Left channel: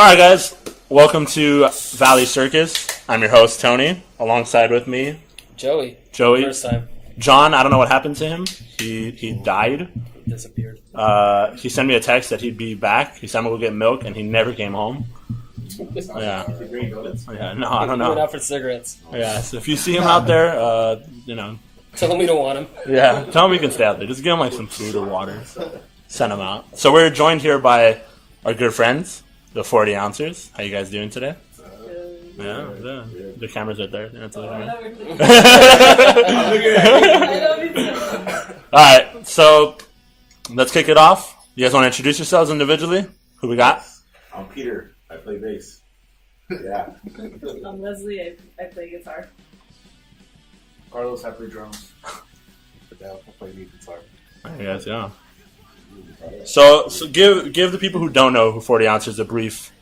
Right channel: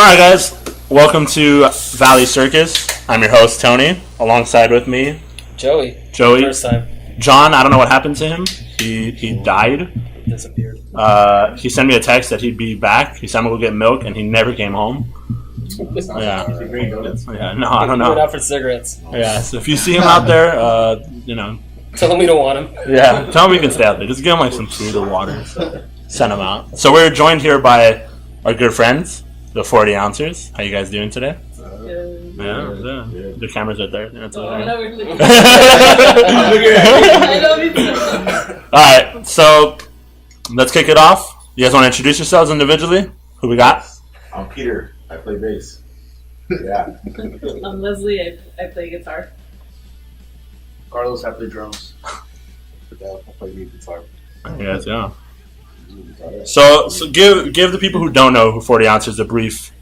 All right, guys. Welcome to Valley Circus. I'm your host, Tony. Alongside with me, Joey. First time. John, I don't know what happened to him. He died. Disappeared. He sent me a text that he'd be back. He said I'm going to go get milk, and he never came home. Yeah. Yeah, no, I don't know. He went out for cigarettes. Yeah, so if you see him out there, Tell him we don't want him. Yeah, tell him we can stay out there. Just give him like some food or water. Send him out. So we're joined here by our good friends, the 40 Ounces. How you guys doing today? Yeah. The camera's right there. That's all right, so let's kick it off. You guys want to introduce yourselves individually? Who we got? I'm Peter. I play bass. Yeah. I'm Leslie. I play guitar. Carlos, I play drums. I play lead guitar. Yes, yeah. So give the people who don't know who 40 Ounces a brief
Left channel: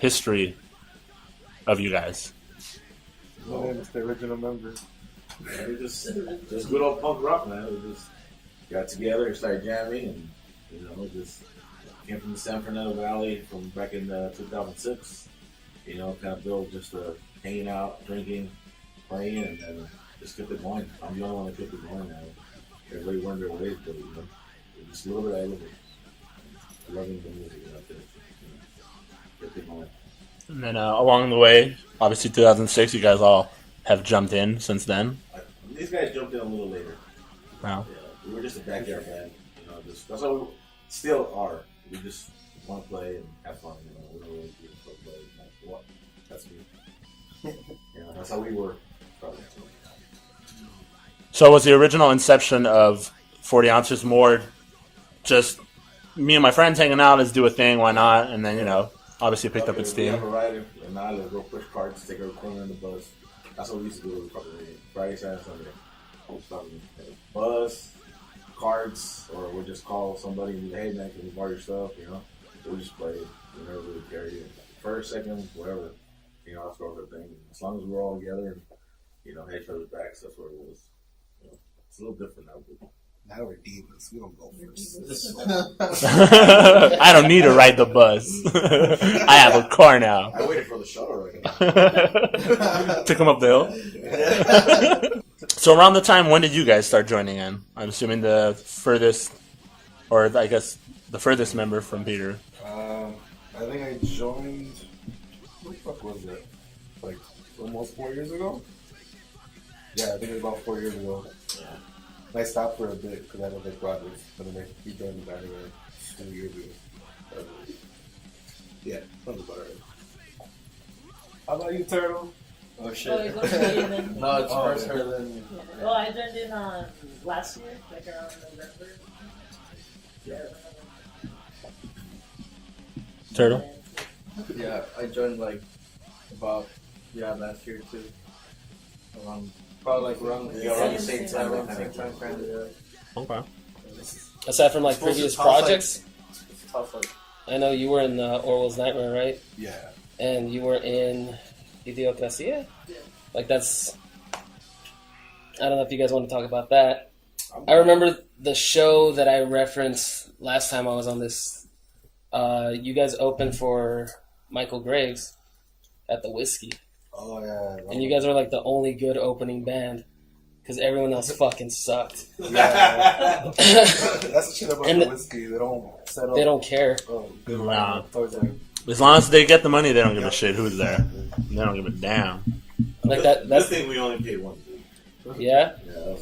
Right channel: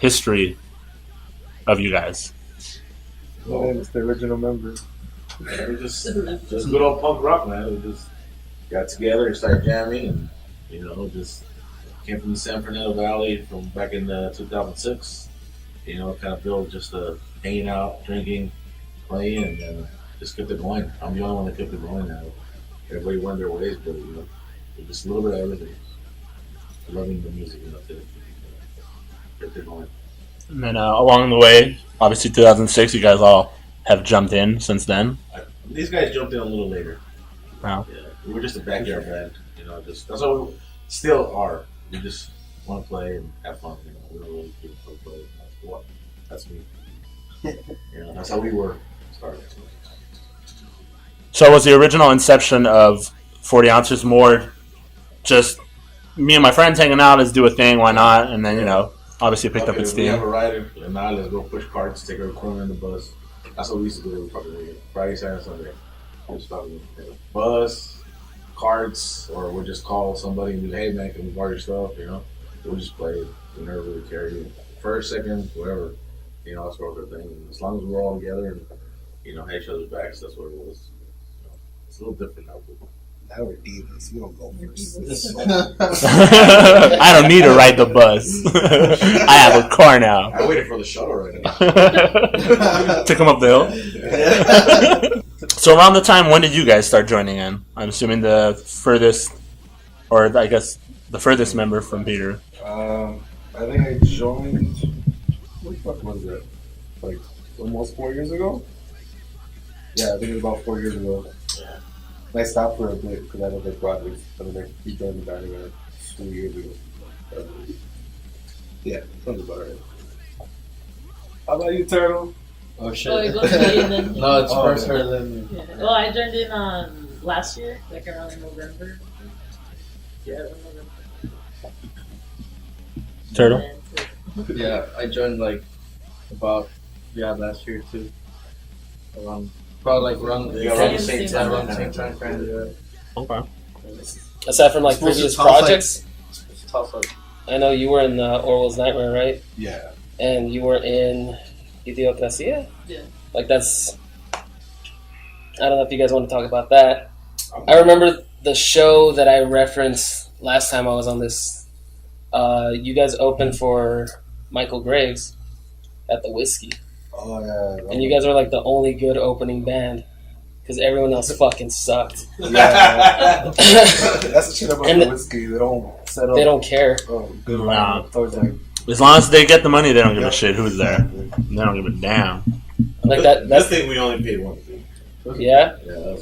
history of you guys. My name is the original member. Yeah, we're just good old punk rock, man. We just got together and started jamming, and just came from the San Fernando Valley from back in 2006. Kind of built just hanging out, drinking, playing, and then just kept it going. I'm the only one that kept it going now. Everybody went their ways, but just a little bit of everything. Loving the music, kept it going. And then along the way, obviously 2006, you guys all have jumped in since then. These guys jumped in a little later. Wow. Yeah, we were just a backyard band. That's what we still are. We just want to play and have fun. We don't really do play. That's me. That's how we were started. So was the original inception of 40 Ounces more just me and my friends hanging out, let's do a thing, why not? And then, obviously picked up its steam. We have a rider, and now let's go push carts, take our equipment in the bus. That's what we used to do Friday, Saturday, Sunday. Just bus, carts, or we'll just call somebody and be like, hey man, can we borrow your stuff? We'll just play it. We never really carried it. First, second, whatever. That's what the thing. As long as we're all together and, had each other's backs, that's what it was. It's a little different now. Now we're divas. We don't go first. I don't need to ride the bus. I have a car now. I waited for the shuttle right now. To come up the hill. So around the time, when did you guys start joining in? I'm assuming the furthest member from Peter. I think I joined. What the fuck was it? Like almost 4 years ago? Yeah, I think it was about 4 years ago. Yeah. I stopped for a bit because I had a big project, and then I joined the band again 2 years ago. Yeah, sounds about right. How about you, Turtle? Oh shit. No, it's first her than me. Well, I joined in last year, like around November. Yeah, November. Turtle? Yeah, I joined last year too. Around the same time. Okay. Aside from previous projects, I know you were in Orwell's Nightmare, right? Yeah. And you were in Idiocracia? Yeah. That's... I don't know if you guys want to talk about that. I remember the show that I referenced last time I was on this. You guys opened for Michael Graves at the Whiskey. Oh, yeah. And you guys were the only good opening band. Because everyone else fucking sucked. Yeah. That's the shit about the Whiskey. They don't set up. They don't care. Oh, good. Wow. As long as they get the money, they don't give a shit who's there. They don't give a damn. That's thing we only paid one thing. Yeah? Yeah,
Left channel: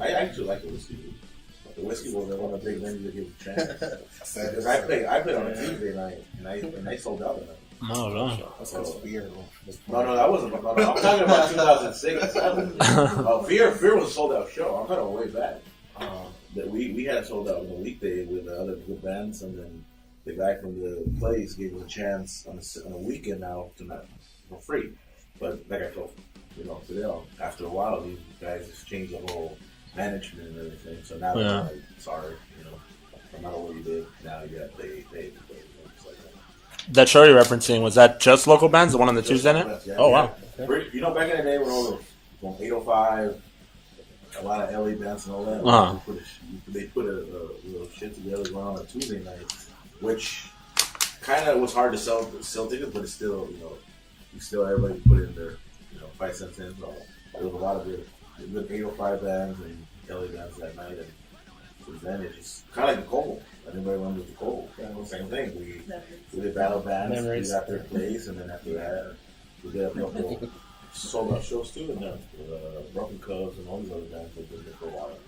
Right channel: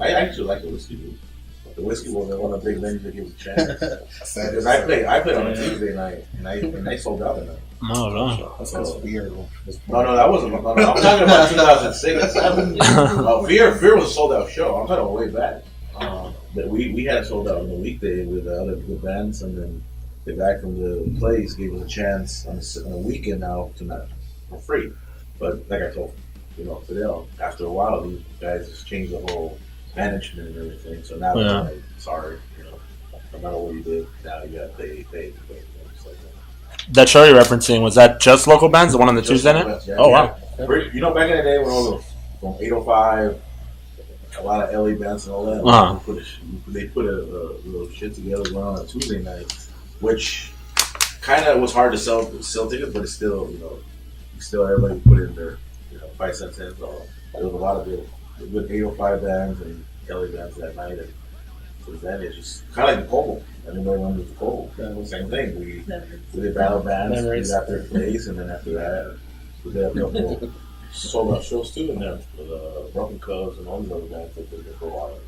I actually like the Whiskey Booth. The Whiskey was one of the big venues that gave us a chance. Because I played on a Tuesday night, and I sold out that night. Oh, no. That's Fear. No, that wasn't. No, I'm talking about 2006. Fear was a sold out show. I'm talking way back. That we had it sold out on the weekday with the other good bands, and then the guy from the place gave us a chance on a weekend now for free. But like I told Fidel, after a while these guys just changed the whole management and everything. So now they're like, sorry, no matter what you did, now you got to pay. That show you're referencing, was that just local bands? The one on the Tuesday night? Yeah, oh, wow. Back in the day when all those, from 805, a lot of LA bands and all that, they put a little shit together going on a Tuesday night, which kind of was hard to sell tickets, but it's still, everybody put in their, 5 cents in. So there was a lot of good 805 bands and LA bands that night. And since then, it's just kind of like the Cold. Anybody remembers the Cold? Same thing. We did battle bands. We got their place, and then after that, we did a couple sold out shows too, and then with Broken Cubs and all these other bands that did it for a while.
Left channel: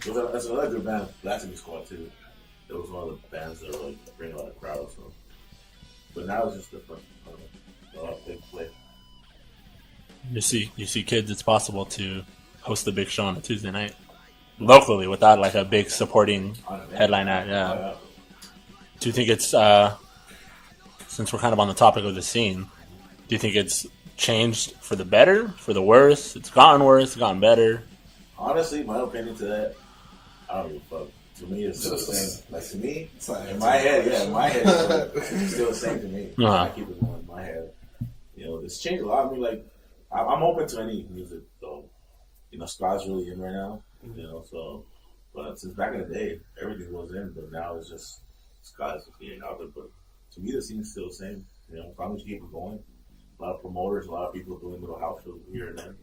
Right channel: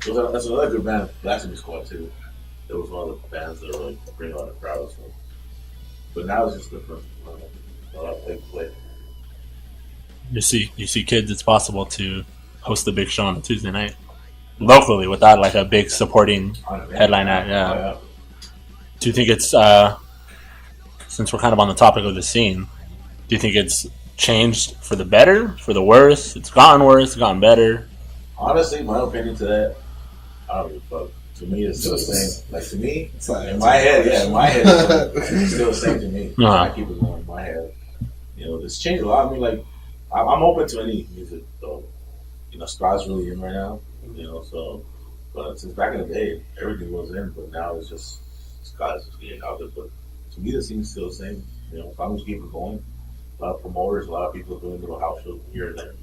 So that's another good band, Blasphemy Squad too. It was one of the bands that really bring a lot of crowds. So. But now it's just different. A lot of big play. You see, kids, it's possible to host a big show on a Tuesday night locally without like a big supporting headline act. Yeah. Oh, yeah. Do you think it's since we're kind of on the topic of the scene? Do you think it's changed for the better, for the worse? It's gotten worse, it's gotten better. Honestly, my opinion to that, I don't give a fuck. To me, it's still the same. Like to me, in my head, it's still the same to me. I keep it going in my head. It's changed a lot. I mean, like, I'm open to any music, though. Ska's really in right now. So, but since back in the day, everything was in, but now it's just Ska's just getting out there. But to me, the scene's still the same. As long as you keep it going, a lot of promoters, a lot of people doing little house shows here and there.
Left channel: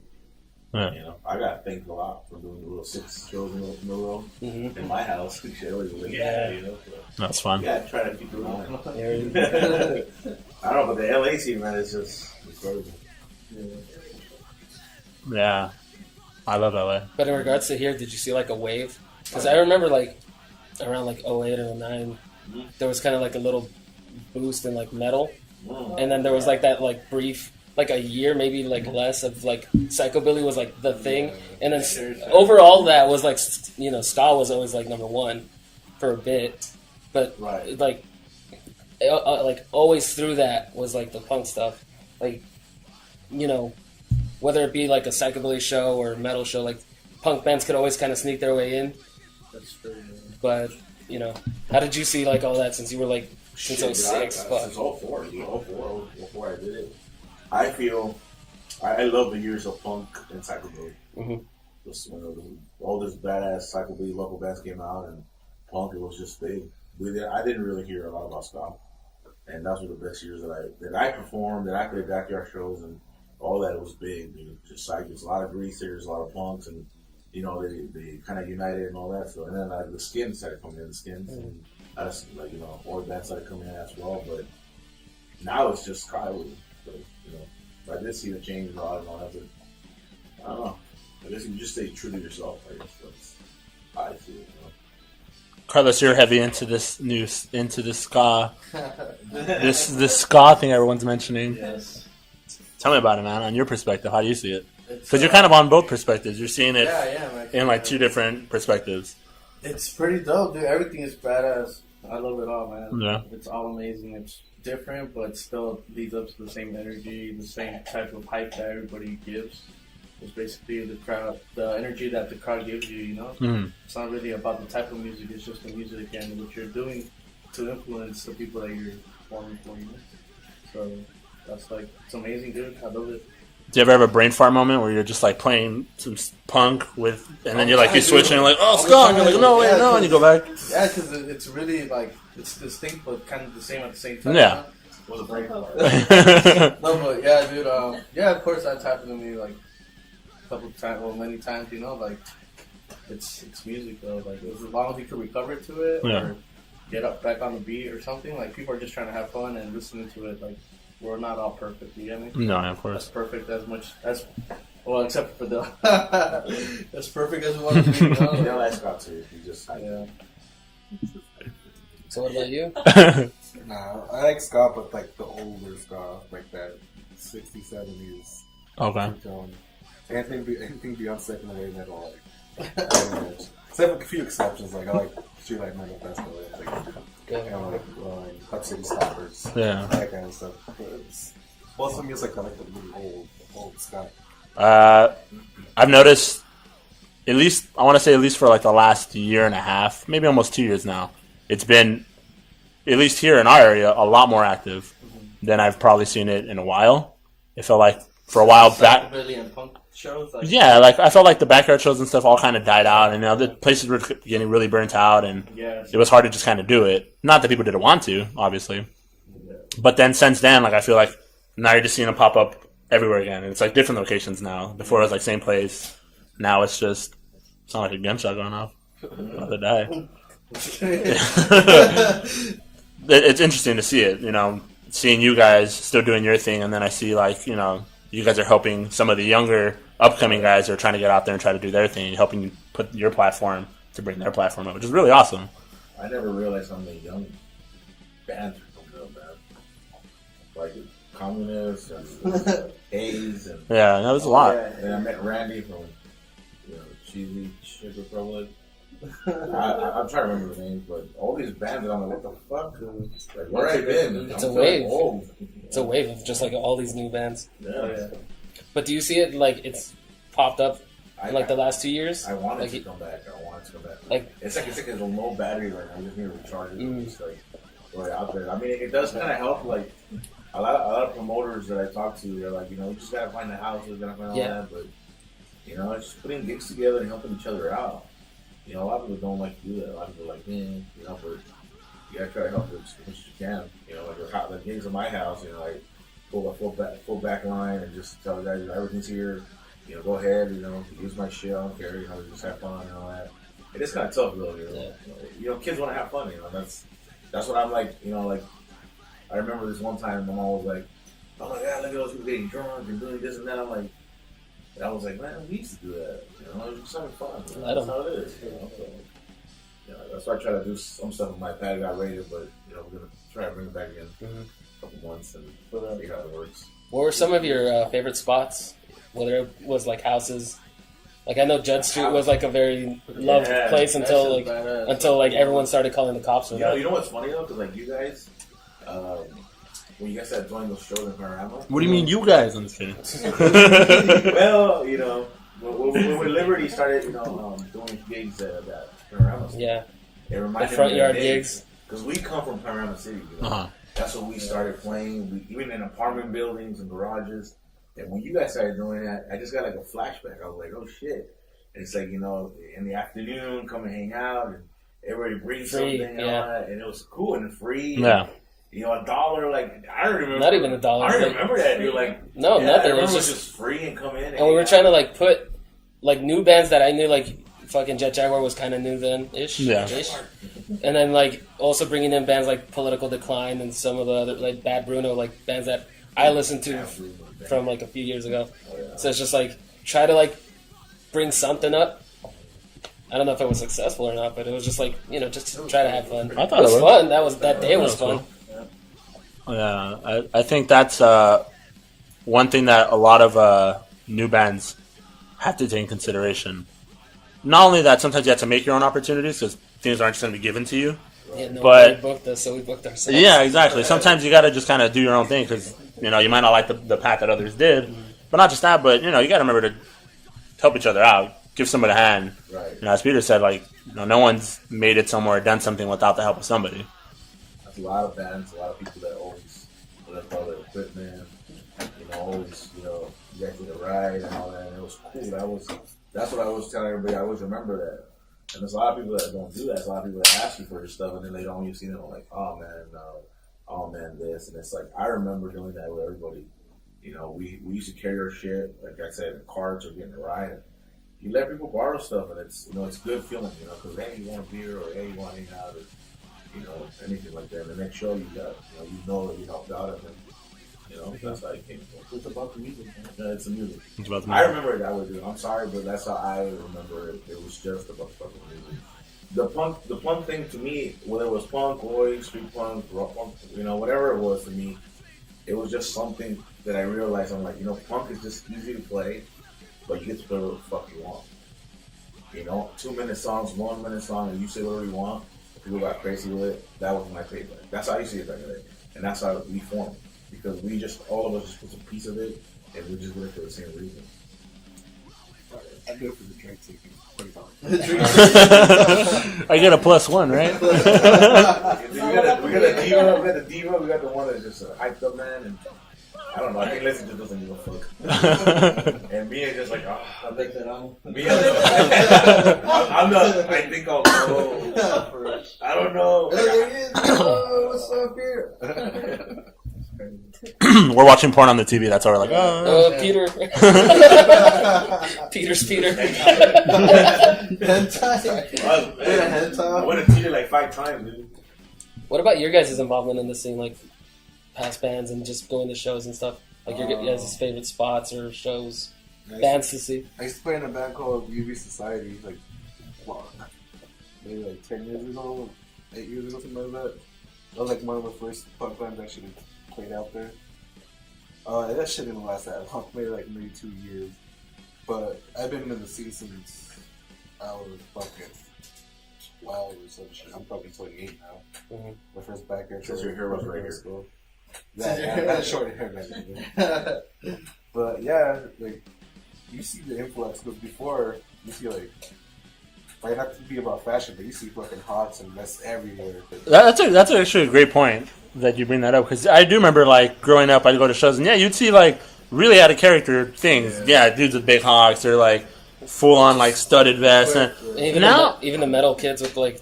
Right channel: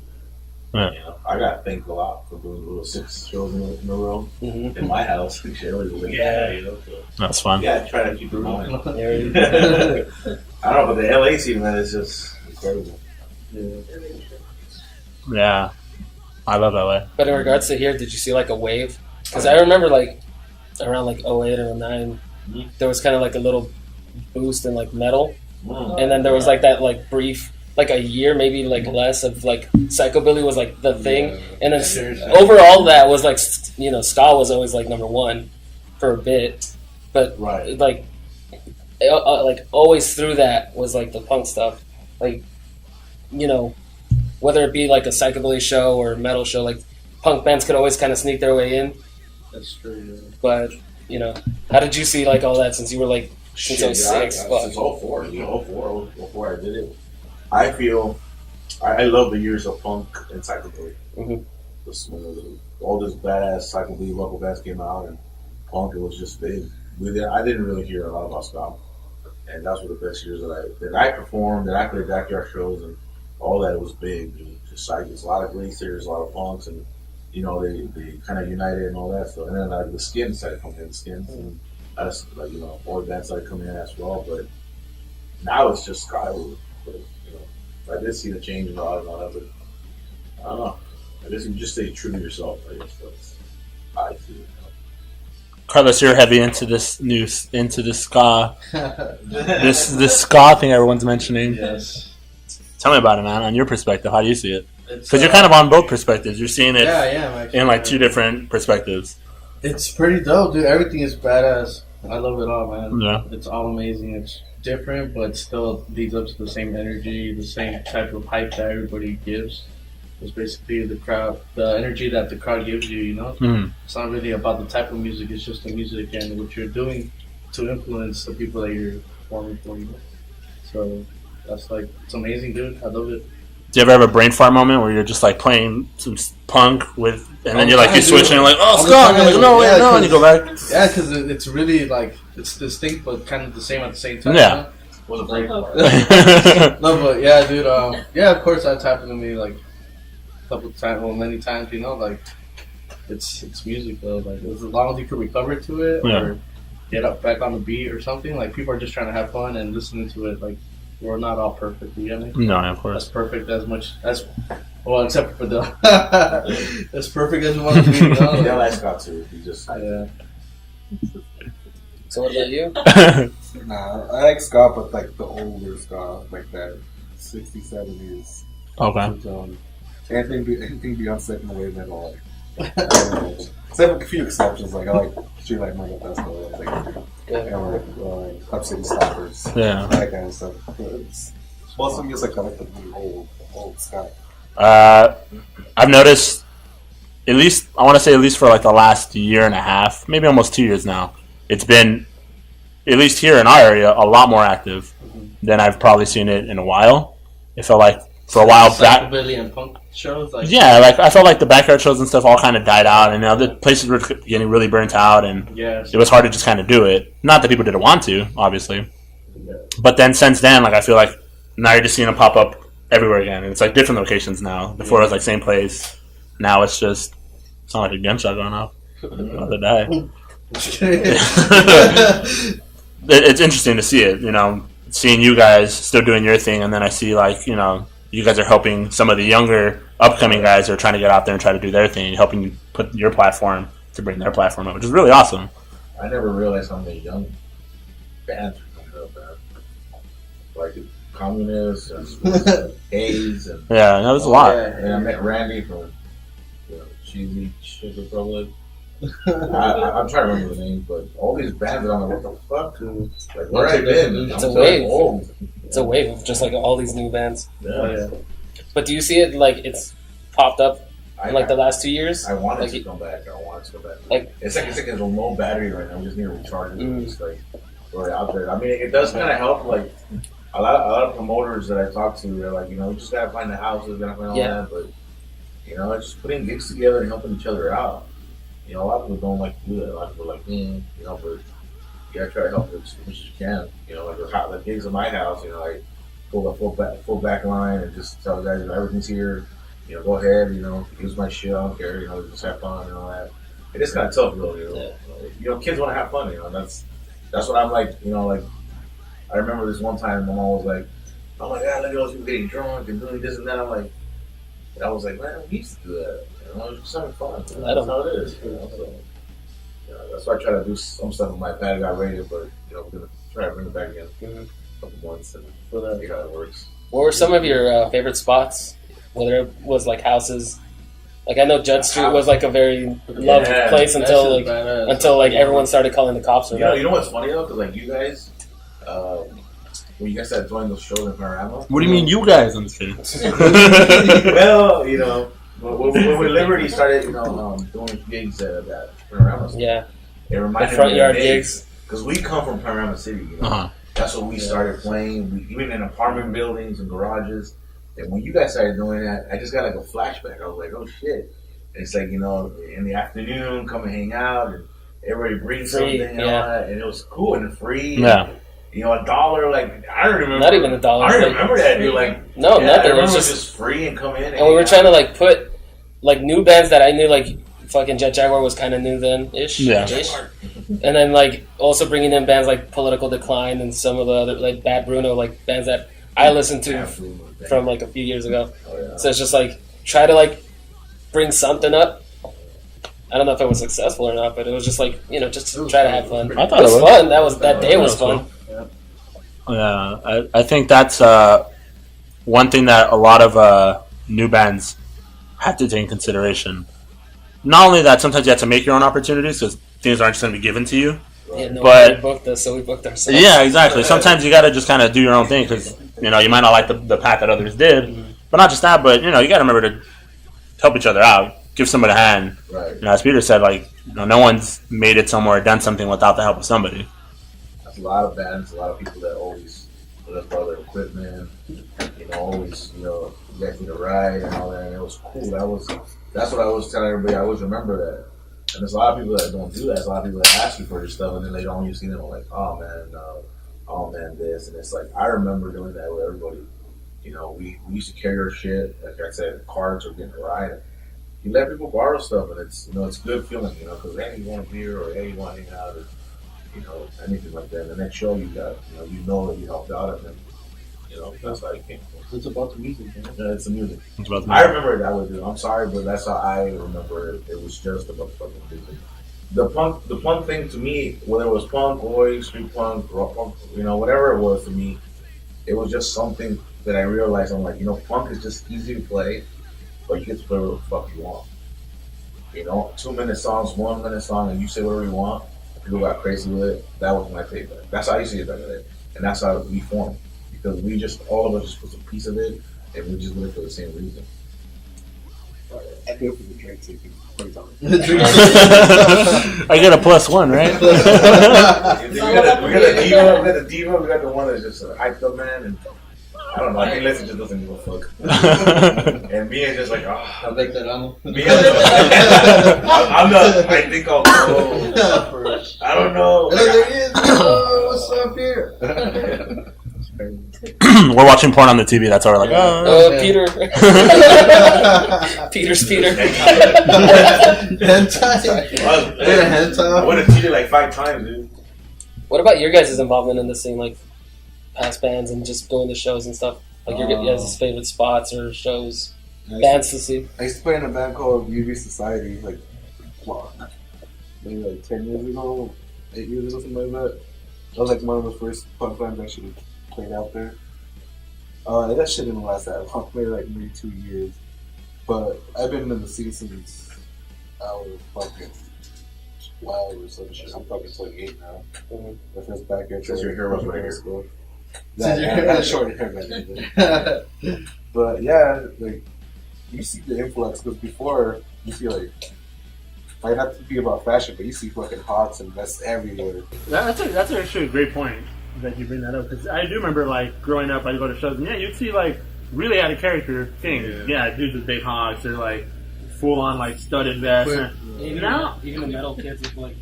Yeah. I got thanked a lot for doing little 6 shows in a row in my house. So, that's fun. Yeah, try to keep it going. I don't know, but the LA scene, man, is just incredible. Yeah, I love LA. But in regards to here, did you see like a wave? Because I remember like around like 08 or 09, there was kind of like a little boost in like metal, and then there was like that like brief. Like a year, maybe like less of like psychobilly was like the thing, and then overall that was like ska was always like number one for a bit, but like always through that was like the punk stuff, like whether it be like a psychobilly show or a metal show, like punk bands could always kind of sneak their way in. That's true. Yeah. But how did you see like all that since you were like since 06? Since 04, 04 I did it. I feel I love the years of punk and psychobilly. All this badass psychobilly local bands came out, and punk, it was just big. I didn't really hear a lot about ska, and those were the best years that I performed, that I played backyard shows, and all that. It was big. It was just like a lot of greasers, a lot of punks, and they kind of united and all that stuff. And then like the Skins started coming in, the Skins, and us more bands started coming in as well. But now it's just ska. I did see the change in a lot of that, but I don't know. I guess you just stay true to yourself. I guess that's how I see it. Carlos, you're heavy into this ska, this ska thing everyone's mentioning. Yes. Tell me about it, man. On your perspective, how do you see it? Because you're kind of on both perspectives. You're seeing it in like two different perspectives. It's pretty dope, dude. Everything is badass. I love it all, man. Yeah. It's all amazing. It's different, but still leads up to the same energy, the same type of hype that everybody gives. It's basically the crowd, the energy that the crowd gives you, It's not really about the type of music, it's just the music and what you're doing to influence the people that you're performing for, So that's like, it's amazing, dude. I love it. Do you ever have a brain fart moment where you're just like playing some punk with, and then you switch and you're like, oh, ska, and you're like, no, wait, no, and you go back? Yeah, because it's really like, it's distinct but kind of the same at the same time. Yeah. Was a brain fart. No, but yeah, dude, yeah, of course that's happened to me like a couple of times, many times, like it's music though, like as long as you can recover to it or get up back on the beat or something, like people are just trying to have fun and listening to it, like we're not all perfect, you get me? No, of course. That's perfect as much as, well, except for the, as perfect as we want to be, Yeah, that's got to, you just, yeah. So what about you? Nah, I like ska, but like the older ska, like that 60s, 70s. Okay. Anything beyond second wave metal, like, I don't know. Except for a few exceptions, like I like Street Light Mega Festival, like Club City Stoppers, that kind of stuff. But it's most of music I like the really old ska. I've noticed, at least for like the last year and a half, maybe almost 2 years now, it's been, at least here in our area, a lot more active than I've probably seen it in a while. It felt like for a while back. Psychobilly and punk shows. Like, Yeah, like I felt like the backyard shows and stuff all kind of died out, and the places were getting really burnt out, and it was hard to just kind of do it. Not that people didn't want to, obviously, but then since then, like I feel like now you're just seeing them pop up everywhere again, and it's like different locations now. Before it was like same place. Now it's just not like a gunshot going off. About to die. It's interesting to see it, seeing you guys still doing your thing, and then I see like you guys are helping some of the younger upcoming guys who are trying to get out there and try to do their thing, helping you put your platform to bring their platform up, which is really awesome. I never realized how many young bands are coming up, man. Like Communists and Hayes and yeah, that was a lot. Yeah. And I met Randy from Cheesy Shit Republic. I'm trying to remember the names, but all these bands, I'm like, what the fuck? Like, where I been? It's a wave. It's a wave of just like all these new bands. Yeah. But do you see it like it's popped up in like the last 2 years? I want it to come back. Like it's like a low battery right now. I just need to recharge it. It's like we're out there. I mean, it does kind of help. Like a lot of promoters that I talk to, they're like, you just gotta find the houses, gotta find all that, but it's just putting gigs together and helping each other out. A lot of people don't like to do that. A lot of people are like, but you gotta try to help as much as you can. Like the gigs at my house, like pull the full back line and just tell the guys, everything's here. Go ahead, use my shit. I don't care. Just have fun and all that. It is kind of tough, really. Kids want to have fun. That's what I'm like. Like I remember this one time, my mom was like, "Oh my God, look at those people getting drunk and doing this and that." I was like, man, we used to do that. It was just having fun. That's how it is. So, that's why I try to do some stuff with my pad. Got rated, but we're gonna try to bring it back again in a couple months and see how it works. What were some of your favorite spots? Whether it was like houses, like I know Judd Street was like a very loved place until everyone started calling the cops. You know what's funny though, because like you guys, when you guys started doing those shows in Panorama. What do you mean, you guys? I'm just kidding. Well, when Liberty started, doing gigs at that Panorama. Yeah. It reminded the front me yard of gigs. Because we come from Panorama City. That's what we started playing. Even in apartment buildings and garages. And when you guys started doing that, I just got like a flashback. I was like, oh shit. And it's like, in the afternoon, come and hang out, and everybody brings something and all that. And it was cool and free. Yeah. $1, like, I don't remember. Not even $1. I don't remember that, dude. Like, no, nothing. It was just free and come in. And we were trying to, like, put, like, new bands that I knew, like, fucking Jet Jaguar was kind of new then-ish. Yeah. And then, like, also bringing in bands like Political Decline and some of the other, like, Bad Bruno, like, bands that I listened to from, like, a few years ago. So it's just, like, try to, like, bring something up. I don't know if it was successful or not, but it was just, like, just to try to have fun. I thought it was fun. That day was fun. Cool. Yeah, I think that's one thing that a lot of new bands have to take in consideration. Not only that, sometimes you have to make your own opportunities because things aren't just going to be given to you. Yeah, no but one booked us, so we booked ourselves. Yeah, exactly. Sometimes you got to just kind of do your own thing because you might not like the path that others did, but not just that. But you got to remember to help each other out, give somebody a hand. Right. As Peter said, like no one's made it somewhere, done something without the help of somebody. There's a lot of bands, a lot of people that always put up all their equipment, always, you guys need a ride and all that, and it was cool. That's what I was telling everybody. I always remember that. And there's a lot of people that don't do that. There's a lot of people that ask you for your stuff, and then they don't. You see them like, oh man, this, and it's like I remember doing that with everybody. We used to carry our shit. Like I said, cards or getting a ride. You let people borrow stuff, and it's it's good feeling. Because hey, you want a beer, or hey, you want to hang out, or anything like that. The next show you got, that you helped out, and then, that's how it came from. It's about the music, man. Yeah, it's the music. It's about the I remember it that way, dude. I'm sorry, but that's how I remember it. It was just about fucking music. The punk thing to me, whether it was punk, oi, street punk, rock punk, whatever it was to me, it was just something that I realized. I'm like, punk is just easy to play, but you get to play whatever the fuck you want. 2-minute songs, 1-minute song, and you say whatever you want. People got crazy with it. That was my favorite. That's how I see it back then. And that's how we formed. Because all of us just put a piece of it, and we just did it for the same reason. I do it for the drink ticket. I get a +1, right? we got the diva, we got the one that's just hyped up, man. And I don't know. I think Leslie just doesn't give a fuck. And me is just like, I like that. I'm not. I think I'll go. I don't know. There he is. Oh, what's up here? We're watching porn on the TV. That's how we're like, Peter. Peter's Peter. Hentai. I went to TV like 5 times, dude. What about your guys' involvement in the scene, like past bands and just going to shows and stuff? Like your guys' favorite spots or shows, bands to see? I used to play in a band called UV Society, like, maybe like 10 years ago, 8 years ago, something like that. That was like one of the first punk bands I actually played out there. That shit didn't last that long, maybe 2 years. But I've been in the scene since I was fucking 12 or some shit. I'm fucking 28 now. Mm-hmm. My first backyard show. Since your hair was right here. School. I had short hair back then. But yeah, like, you see the influx, because before, you see like not to be about fashion, but you see fucking hots and vests everywhere. That's actually a great point that you bring that up, because I do remember like growing up, I'd go to shows and you'd see like really out of character things. Yeah, dudes with big hawks or like full on like studded vests. And even the metal kids with like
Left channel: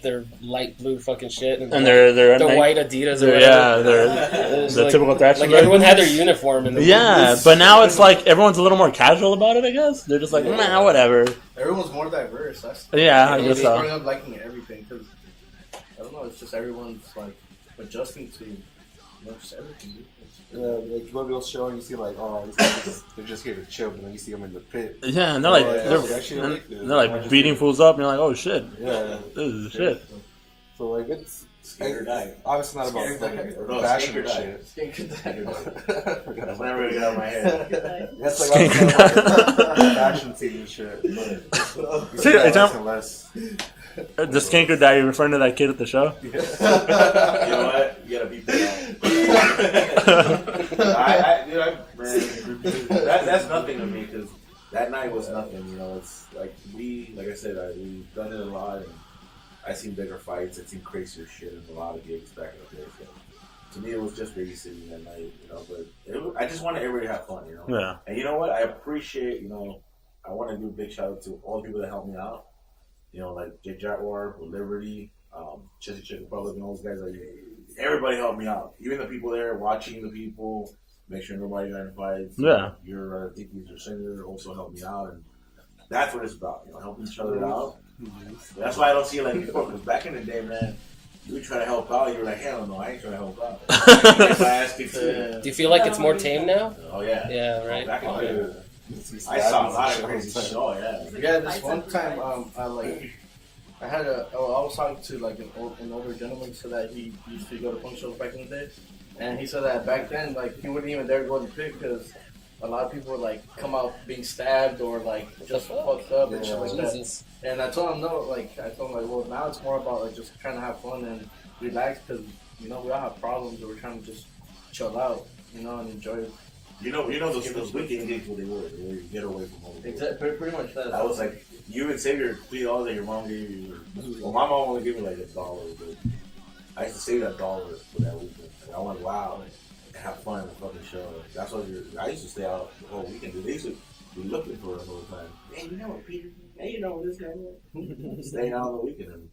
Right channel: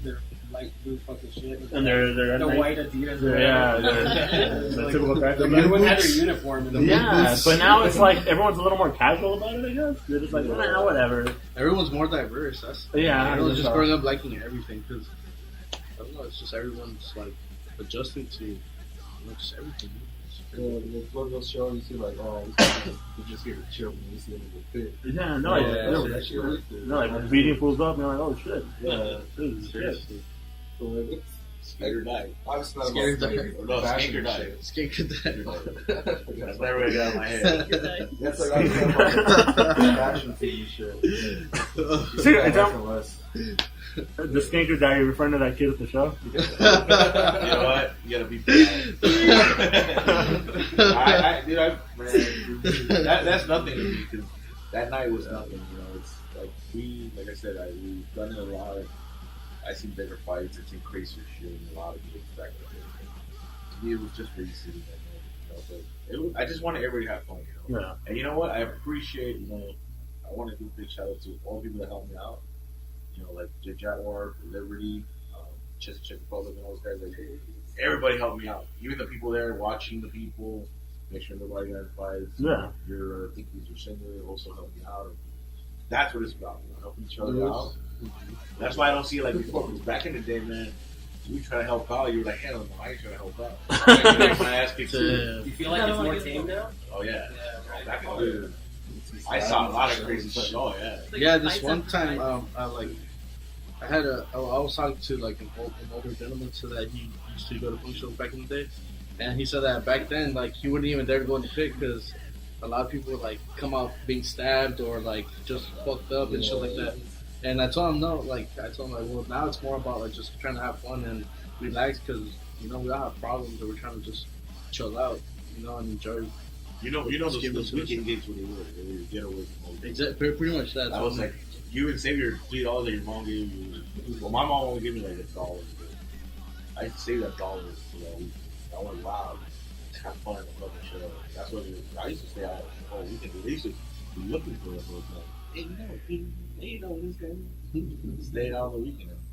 their light blue fucking shit and their white Adidas or the like, typical fashion. Like everyone had their uniform. But now it's like everyone's a little more casual about it. I guess they're just like, nah, whatever. Everyone's more diverse. That's just growing up liking everything, because I don't know. It's just everyone's like adjusting to just everything. Yeah, like go to a show and you see like, oh, they're just here to chill, but then you see them in the pit. Yeah, and they're like, they're like beating fools up, and you're like, oh shit, yeah, this is shit. So like it's obviously not about like, fashion and shit. Skink or die. That's never gonna get out of my head. That's like obviously fashion TV shit. The skank or die, you're referring to that kid at the show? You know what? You gotta be proud. That's nothing to me, because that night was nothing. You know, it's like like I said, we've done it a lot. And I seen bigger fights. I've seen crazier shit in a lot of gigs back in the day. To me, it was just babysitting that night. You know, but I just wanted everybody to have fun. You know. Yeah. And you know what? I appreciate. You know, I want to do a big shout out to all the people that helped me out. You know, like Jake Jaguar, Liberty, Chessy Chick Republic, and all those guys. Like, everybody helped me out. Even the people there watching the people, make sure nobody got in fights. Yeah. I think he's your singer, also helped me out. And that's what it's about, you know, helping each other out. Mm-hmm. That's why I don't see it like before, because back in the day, man, you try to help out, you were like, hell no, I ain't trying to help out. I asked you to. Do you feel like it's more tame now? Oh, yeah. Yeah, right. Back in the day. I saw a lot of crazy shit. Oh yeah. Yeah, this one time, I was talking to like an older gentleman, so that he used to go to punk shows back in the day, and he said that back then, like, he wouldn't even dare go to pit because a lot of people would like come out being stabbed or like just fucked up and shit like that. And I told him no, well, now it's more about like just trying to have fun and relax, because we all have problems, but we're trying to just chill out, and enjoy it. You know those weekend gigs when they were, you get away from all the Exactly, pretty much that. I was like, you even save your $3 that your mom gave you. Well, my mom only gave me like $1, but I used to save that $1 for that weekend. And I went wild and have fun with fucking show. That's what I used to stay out the whole weekend. They used to be looking for us all the time. Hey, you know what, Peter? Hey, you know what this guy is? Staying out on the weekend.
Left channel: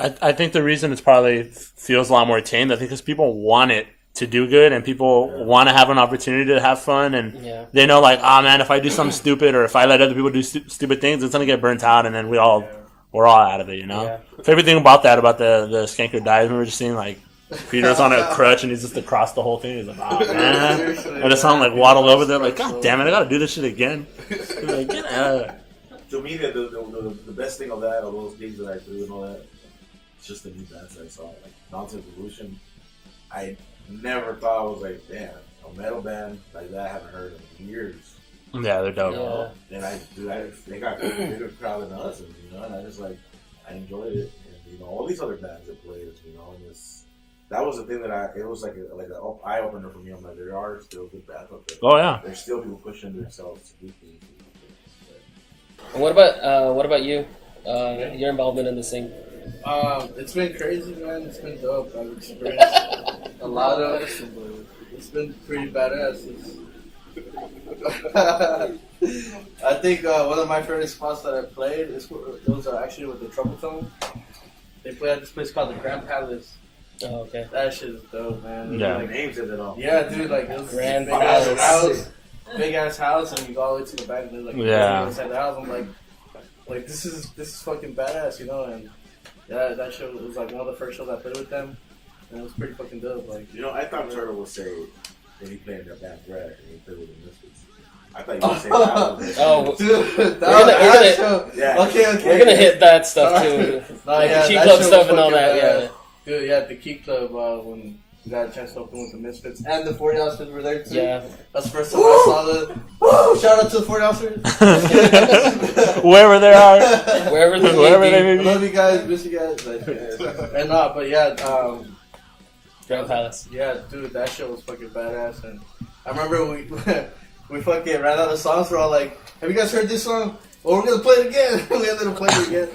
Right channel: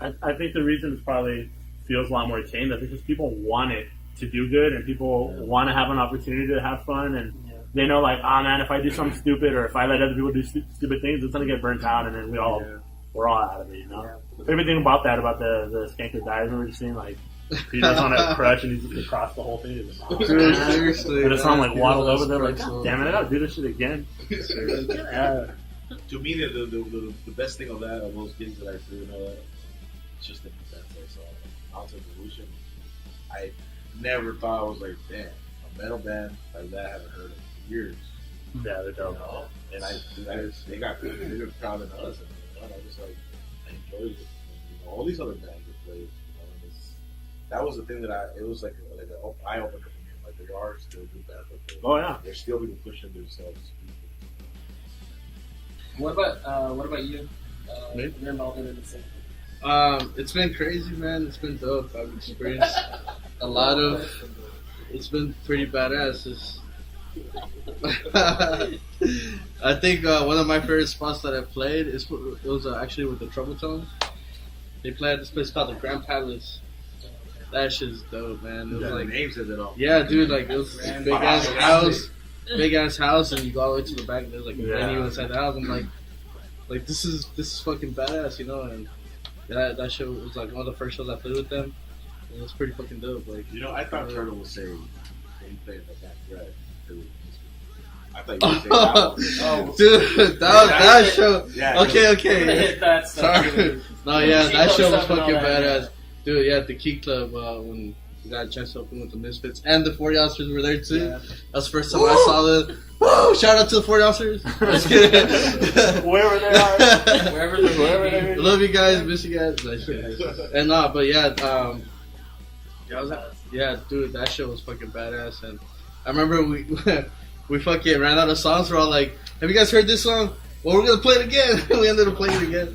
I think the reason it's probably feels a lot more tame, I think, because people want it to do good, and people want to have an opportunity to have fun, and they know, like, man, if I do something stupid, or if I let other people do stupid things, it's gonna get burnt out, and then we're all out of it, Favorite thing about the skanker dies, we were just seeing like Peter's on a crutch and he's just across the whole thing. He's like, oh man, I just saw him like waddle over there, like, god damn it, I gotta do this shit again. Like, to me, the best thing of those gigs that I do and all that, it's just the new bands that I saw, like Nonsense Evolution. I never thought I was like, damn, a metal band like that I haven't heard in years. Yeah, they're dope. And they got a bigger crowd than us, and I just I enjoyed it. And, all these other bands that played, and that was the thing that it was like an eye opener for me. I'm like, there are still good bands out there. Oh yeah, there's still people pushing themselves. What about you? Your involvement in the scene? It's been crazy, man. It's been dope. I've experienced a lot of it's been pretty badass. I think one of my favorite spots that I played was actually with the Trouble Tone. They play at this place called the Grand Palace. Oh, okay. That shit is dope, man. It was like, names said it all. yeah, dude, like it was Grand big ass Palace. big ass house, and you go all the way to the back, and there's like Yeah. inside the house. I'm like this is fucking badass, you know. And that show was like one of the first shows I played with them, and it was pretty fucking dope. Like, You know, I thought Turtle would say when he played in the backyard, he played with the Misfits. I thought you would say that. Oh, dude, that show. Yeah. Okay. we're gonna hit that stuff too. No, yeah, Key that Club show was stuff and all fucking that. badass. Yeah. Dude, yeah, at the Key Club when we got a chance to open with the Misfits and the 40 ounces were there too. Yeah. That's the first time I saw them. Woo! Shout out to the 40 ounces. Wherever they are. Wherever they Wherever may they be. may I be. love you guys, miss you guys. And but yeah, Grand Palace. yeah, dude, that show was fucking badass. And I remember we fucking ran out of songs. We're all like, "Have you guys heard this song? Well, we're gonna play it again." We ended up playing it again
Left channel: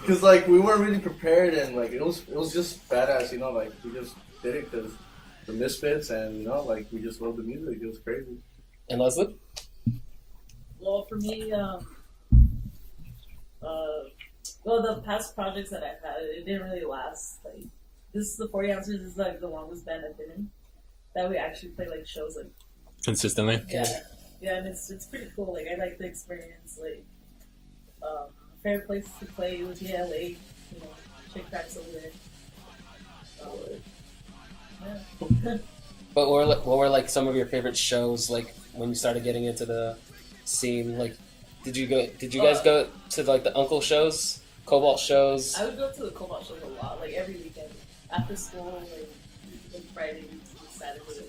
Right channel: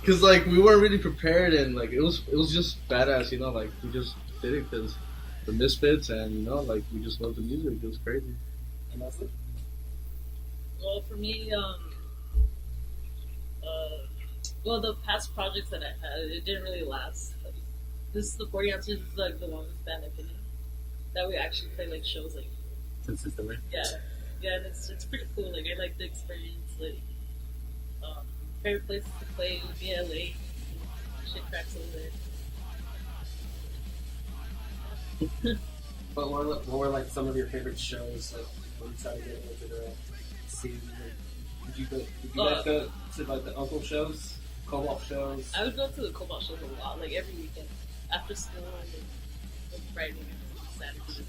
because like we weren't really prepared, and like it was just badass, you know. Like we just did it because the Misfits, and you know, like we just loved the music. It was crazy. And Leslie? Well, for me, the past projects that I've had, it didn't really last. Like, this is the 40 ounces is like the longest band I've been in. That we actually play like shows like Consistently. yeah, and it's pretty cool. Like I like the experience. Like, favorite places to play would be LA. You know, shit cracks over there. Yeah. But what were like some of your favorite shows? Like when you started getting into the scene, like did you guys go to like the Uncle shows, Cobalt shows? I would go to the Cobalt shows a lot, like every weekend after school, like Friday, Saturday.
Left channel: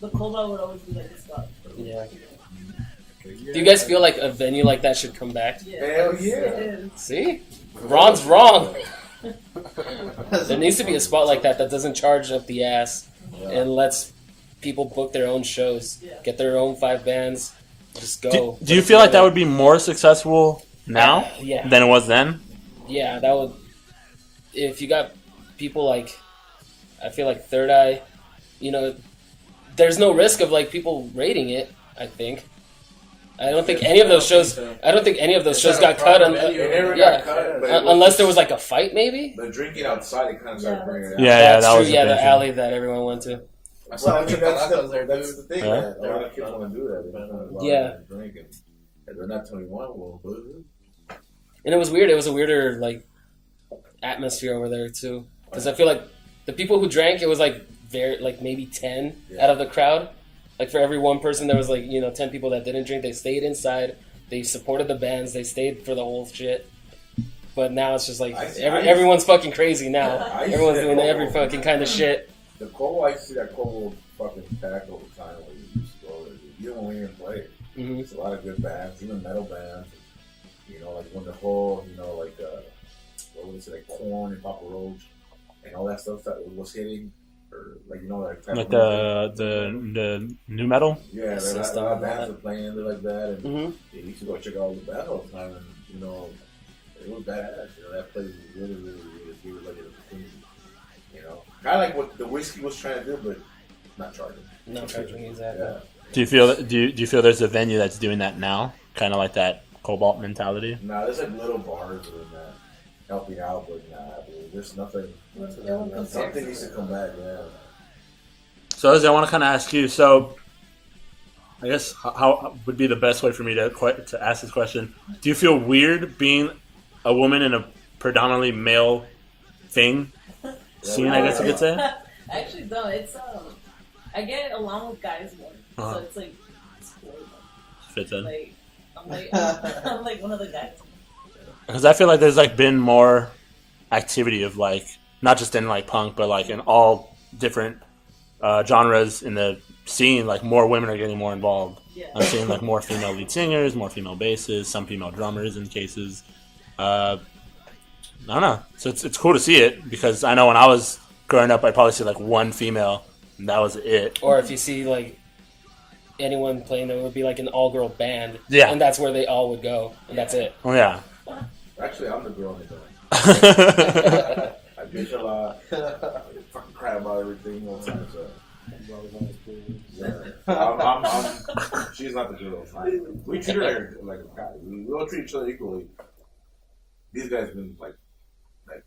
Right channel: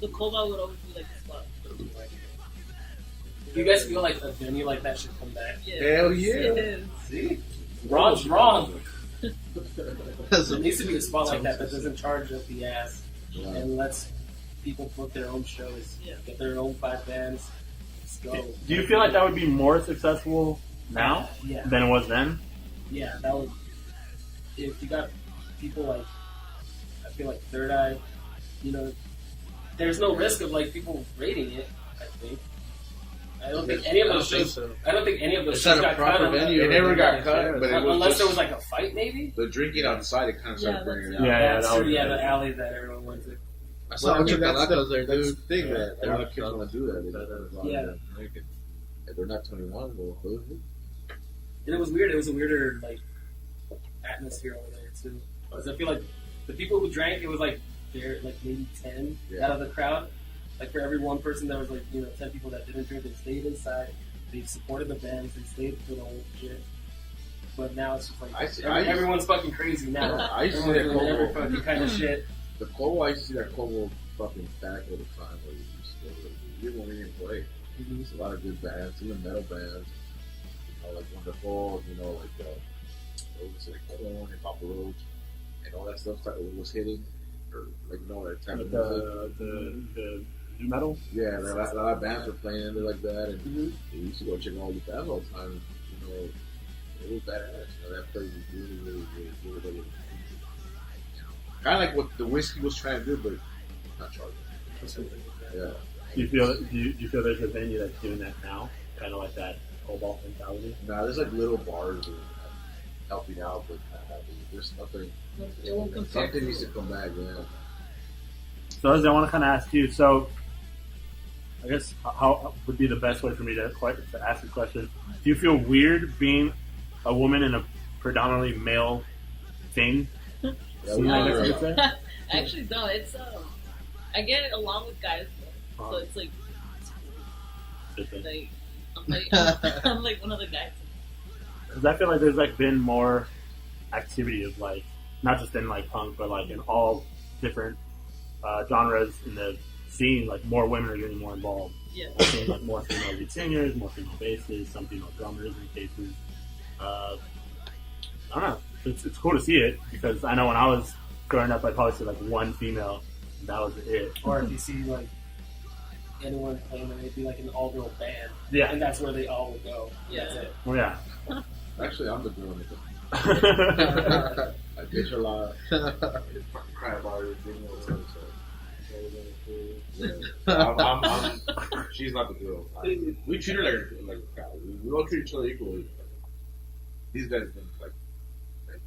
The Cobalt would always be like the spot. Yeah. Do you guys feel like a venue like that should come back? Hell yeah. It is. See, Ron's wrong. There needs to be a spot like that doesn't charge up the ass and lets people book their own shows, get their own 5 bands, just go. Do you feel like that would be more successful now Yeah. than it was then? Yeah, that would. If you got people like, I feel like Third Eye, you know, there's no risk of like people rating it. I think. I don't think any of those shows. I don't think any of those shows got cut. It never got cut, but it Unless there was like a fight, maybe. the drinking outside, it kind of started bringing it out. Yeah, That's that true. was Yeah, the the thing. alley that everyone went to. I saw Well, I mean, that's there, the dude. thing, Yeah. man. A lot of kids want to do that. They don't want to go out Yeah. and drink. And if they're not 21, well, And it was weird. It was a weirder like atmosphere over there too, because I feel like the people who drank, it was like very like maybe 10 out of the crowd. Like for every one person, there was like 10 people that didn't drink. They stayed inside. They supported the bands. They stayed for the whole shit. But now it's just like everyone's fucking crazy now. Everyone's doing every fucking kind of shit. The Cobo, I used to see that Cobo fucking back all the time. Like, you just go, even when we didn't play, there's a lot of good bands, even metal bands. You know, like when the whole, like what was it, like Korn and Papa Roach and all that stuff that was hitting, or like that type Like of music. the new metal. Yeah, there a lot of bands were playing it like that, and Mm-hmm. you used to go check out all the bands all the time, and it was badass. That place was really, really, really, really, really kind of like what the whiskey was trying to do, but not charging. No charging, exactly. Yeah. Do you feel do you feel there's a venue that's doing that now? Kind of like that Cobalt mentality. Nah, there's like little bars doing that, helping out, but there's nothing. Something needs to come back, yeah. So, Leslie, I want to kind of ask you. So, I guess how would be the best way for me to ask this question? Do you feel weird being a woman in a predominantly male thing? Scene, I guess you could say. I actually don't. It's I get along with guys more, so it's like it's cool. Fits in. Like I'm like one of the guys. Because I feel like there's like been more activity of like not just in like punk, but like in all different genres in the scene. Like more women are getting more involved. Yeah. I'm seeing like more female lead singers, more female basses, some female drummers in cases. I don't know. So it's cool to see it because I know when I was growing up, I'd probably see like one female, and that was it. Or if you see like anyone playing, it would be like an all-girl band. Yeah. And that's where they all would go. And that's it. Oh yeah. Actually, I'm the girl in the band. I I bitch a lot. I fucking cry about everything all the time. So. Yeah. She's not the girl. We treat her like a guy. We all treat each other equally. These guys have been like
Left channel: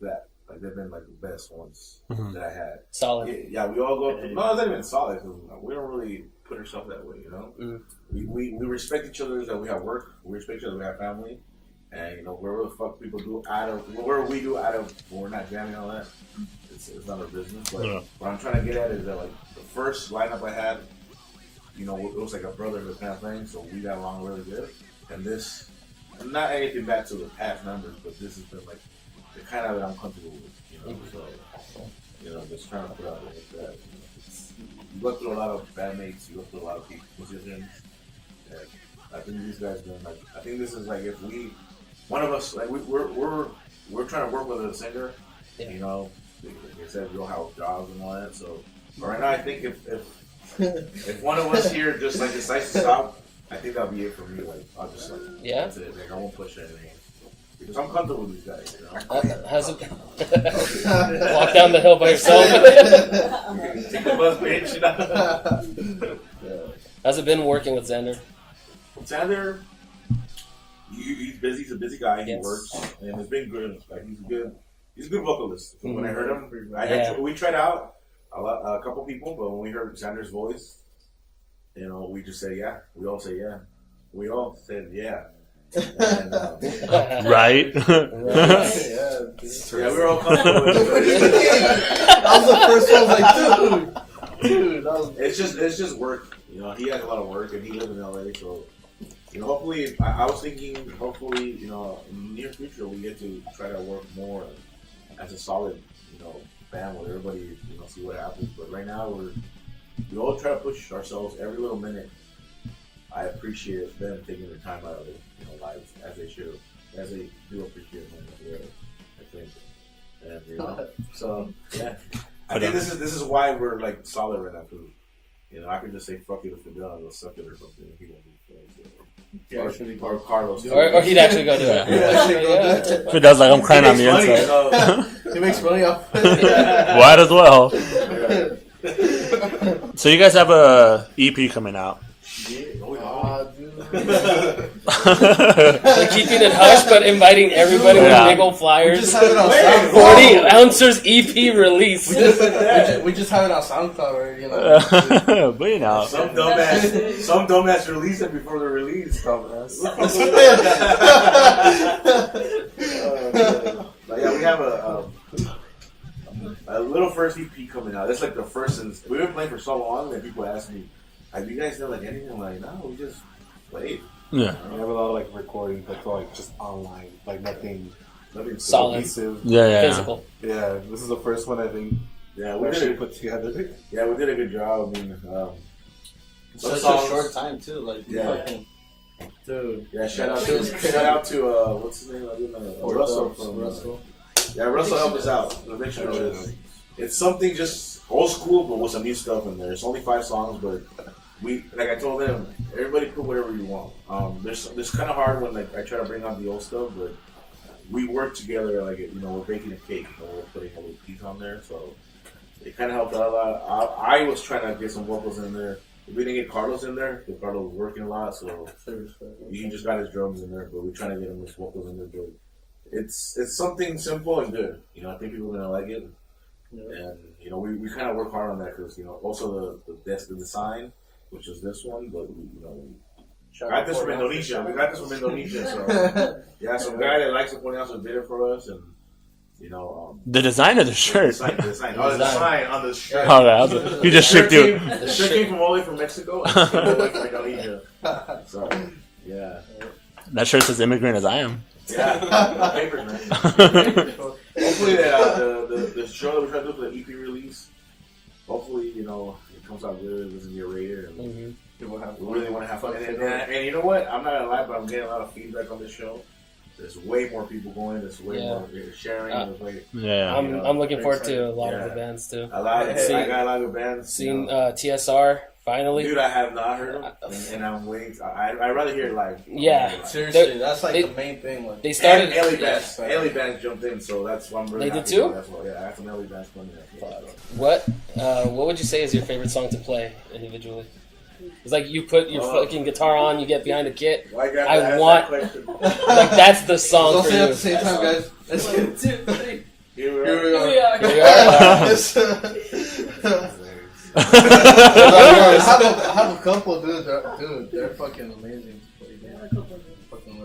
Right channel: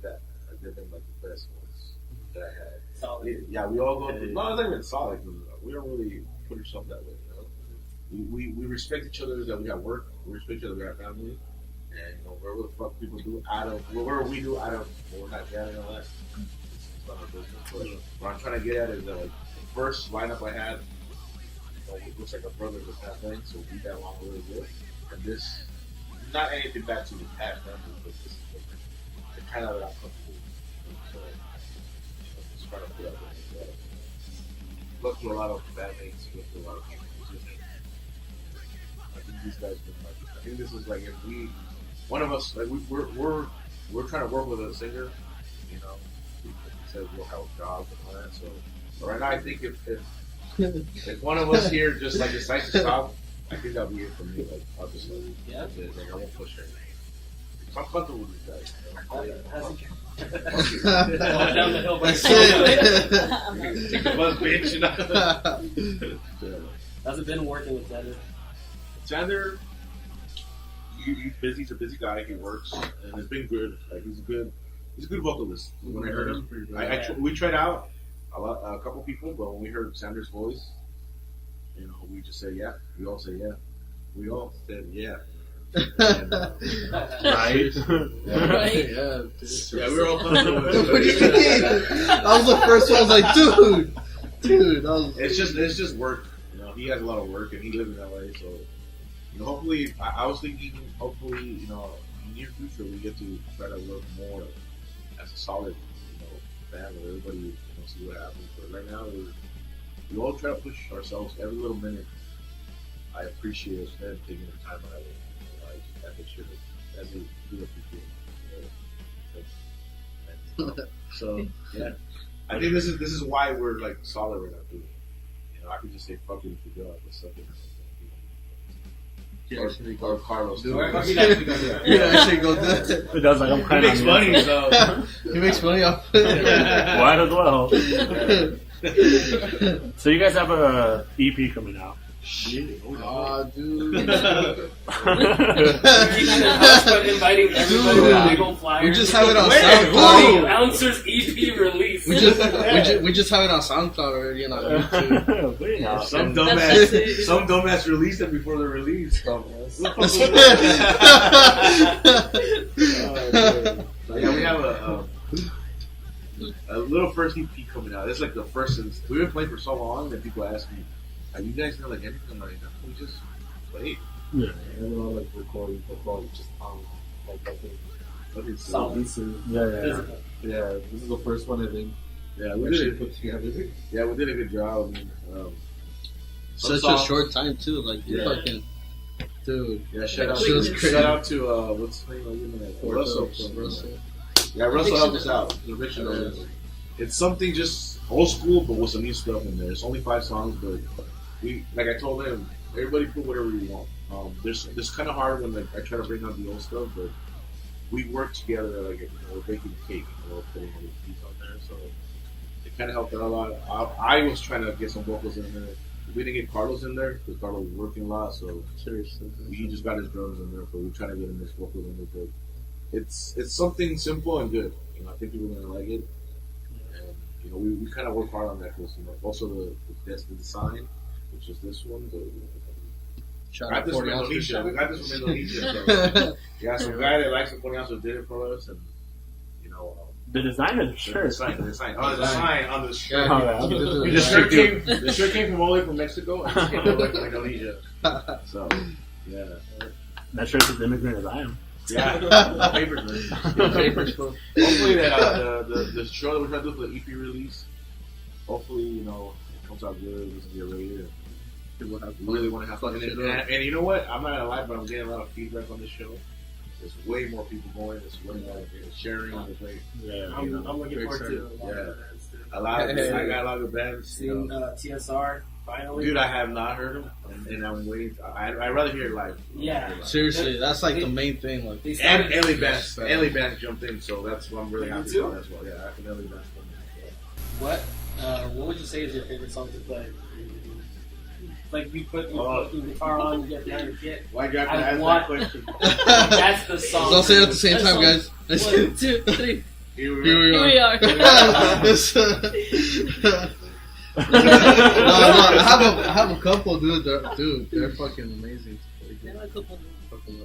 that. Like they've been like the best ones that I had. Solid. Yeah, we all go through. No, it's not even solid because we don't really put ourselves that way, you know. We respect each other that we have work. We respect each other we have family, and you know whatever the fuck people do whatever we do out of when we're not jamming and all that. It's not our business. But what I'm trying to get at is that like the first lineup I had, you know, it was like a brotherhood kind of thing. So we got along really good, and this. Not anything bad to the past members, but this is the like the kind of that I'm comfortable with. You know, so you know, just trying to put out there that you go through a lot of bandmates, you go through a lot of people's positions. I think these guys been like I think this is like if we one of us like we're trying to work with a singer, you know, they said we all have jobs and all that. So but right now I think if one of us here just like decides to stop. I think that'll be it for me. Like, I'll just like, that's it. Like, I won't push anything. Because I'm comfortable with these guys. You know? How's it been? Walk down the hill by yourself. Take the bus, bitch. You know? How's it been working with Xander? Xander, he's busy. He's a busy guy. He works, and it's been good. Like he's a good vocalist. So when I heard him, we tried out a couple people, but when we heard Xander's voice. You know, we just say yeah. We all say yeah. We all said yeah. And, right? Yeah, we're all comfortable with it. That was the first one. I was like, dude. That was... It's just work. You know, he has a lot of work, and he lives in LA. So, you know, hopefully, I was thinking, you know, in the near future, we get to try to work more as a solid, you know, band where everybody, you know, see what happens. But right now, we all try to push ourselves every little minute. I appreciate them taking the time out of their lives as they should, as they do appreciate them. I think, and you know, so yeah, I think this is why we're like solid right now. Too. You know, I could just say fuck it if we go, I'll suck it or something. If he or Carlos, or he'd actually go do it. He'd actually go do it. If he does, like I'm crying on the inside. So. He makes money off. Might as well. So you guys have a EP coming out. Shit. Dude. Keeping it hush, but inviting everybody with big old flyers. We just have it on SoundCloud. 40 Ouncer's EP release. We just have it on SoundCloud already, you know. Some dumbass released it before the release. Dumbass. Yeah, we have a little first EP coming out. That's like the first. We've been playing for so long that people ask me, "Have you guys done like anything?" I'm like, no, we just played. Yeah. We have a lot of like recordings, but like just online, like nothing solid, cohesive. physical. Yeah, this is the first one I think. Yeah, we actually put together. Yeah, we did a good job. I mean, such a short time too. Like, fucking, dude. Yeah, shout out to what's his name? Russell. Yeah, Russell helped us out. It's something just old school, but with some new stuff in there. It's only 5 songs, but like I told them, everybody put whatever you want. This kind of hard when like I try to bring out the old stuff, but we work together. Like we're baking a cake, we're putting all the pieces on there, so it kind of helped out a lot. I was trying to get some vocals in there. We didn't get Carlos in there because Carlos was working a lot, so he just got his drums in there. But we're trying to get him his vocals in there. But it's something simple and good. You know, I think people are gonna like it, and you know, we kind of work hard on that because also the design, which is this one, but we got this from Indonesia. We got this from Indonesia. So yeah, some guy that likes the Ponyhouse did it for us, and the design of the shirt. The design on the shirt. Oh, you just shipped it. The shirt came from all the way from Mexico. And it came from Indonesia. So yeah, that shirt says "immigrant as I am." Yeah, papers, man. Hopefully the show that we're trying to do for the EP release, hopefully it comes out good. It doesn't get rated. People really want to have fun. And you know what? I'm not gonna lie, but I'm getting a lot of feedback on this show. there's way more people going. There's way more sharing. I'm looking forward to a lot of the bands too. I got a lot of bands. Seen TSR finally. Dude, I have not heard of them, and I'm waiting. I'd rather hear it live. Yeah, seriously, that's like the main thing. Like they started. Ellie bands jumped in, so that's what I'm really happy too? about. That's why, I have some Ellie bands coming in. What would you say is your favorite song to play individually? It's like you put your fucking guitar on, you get behind the kit. I want. That's the song. Don't say it at the same time, guys. 1, 2, 3. Here we are. I have a couple, dude. They're fucking amazing.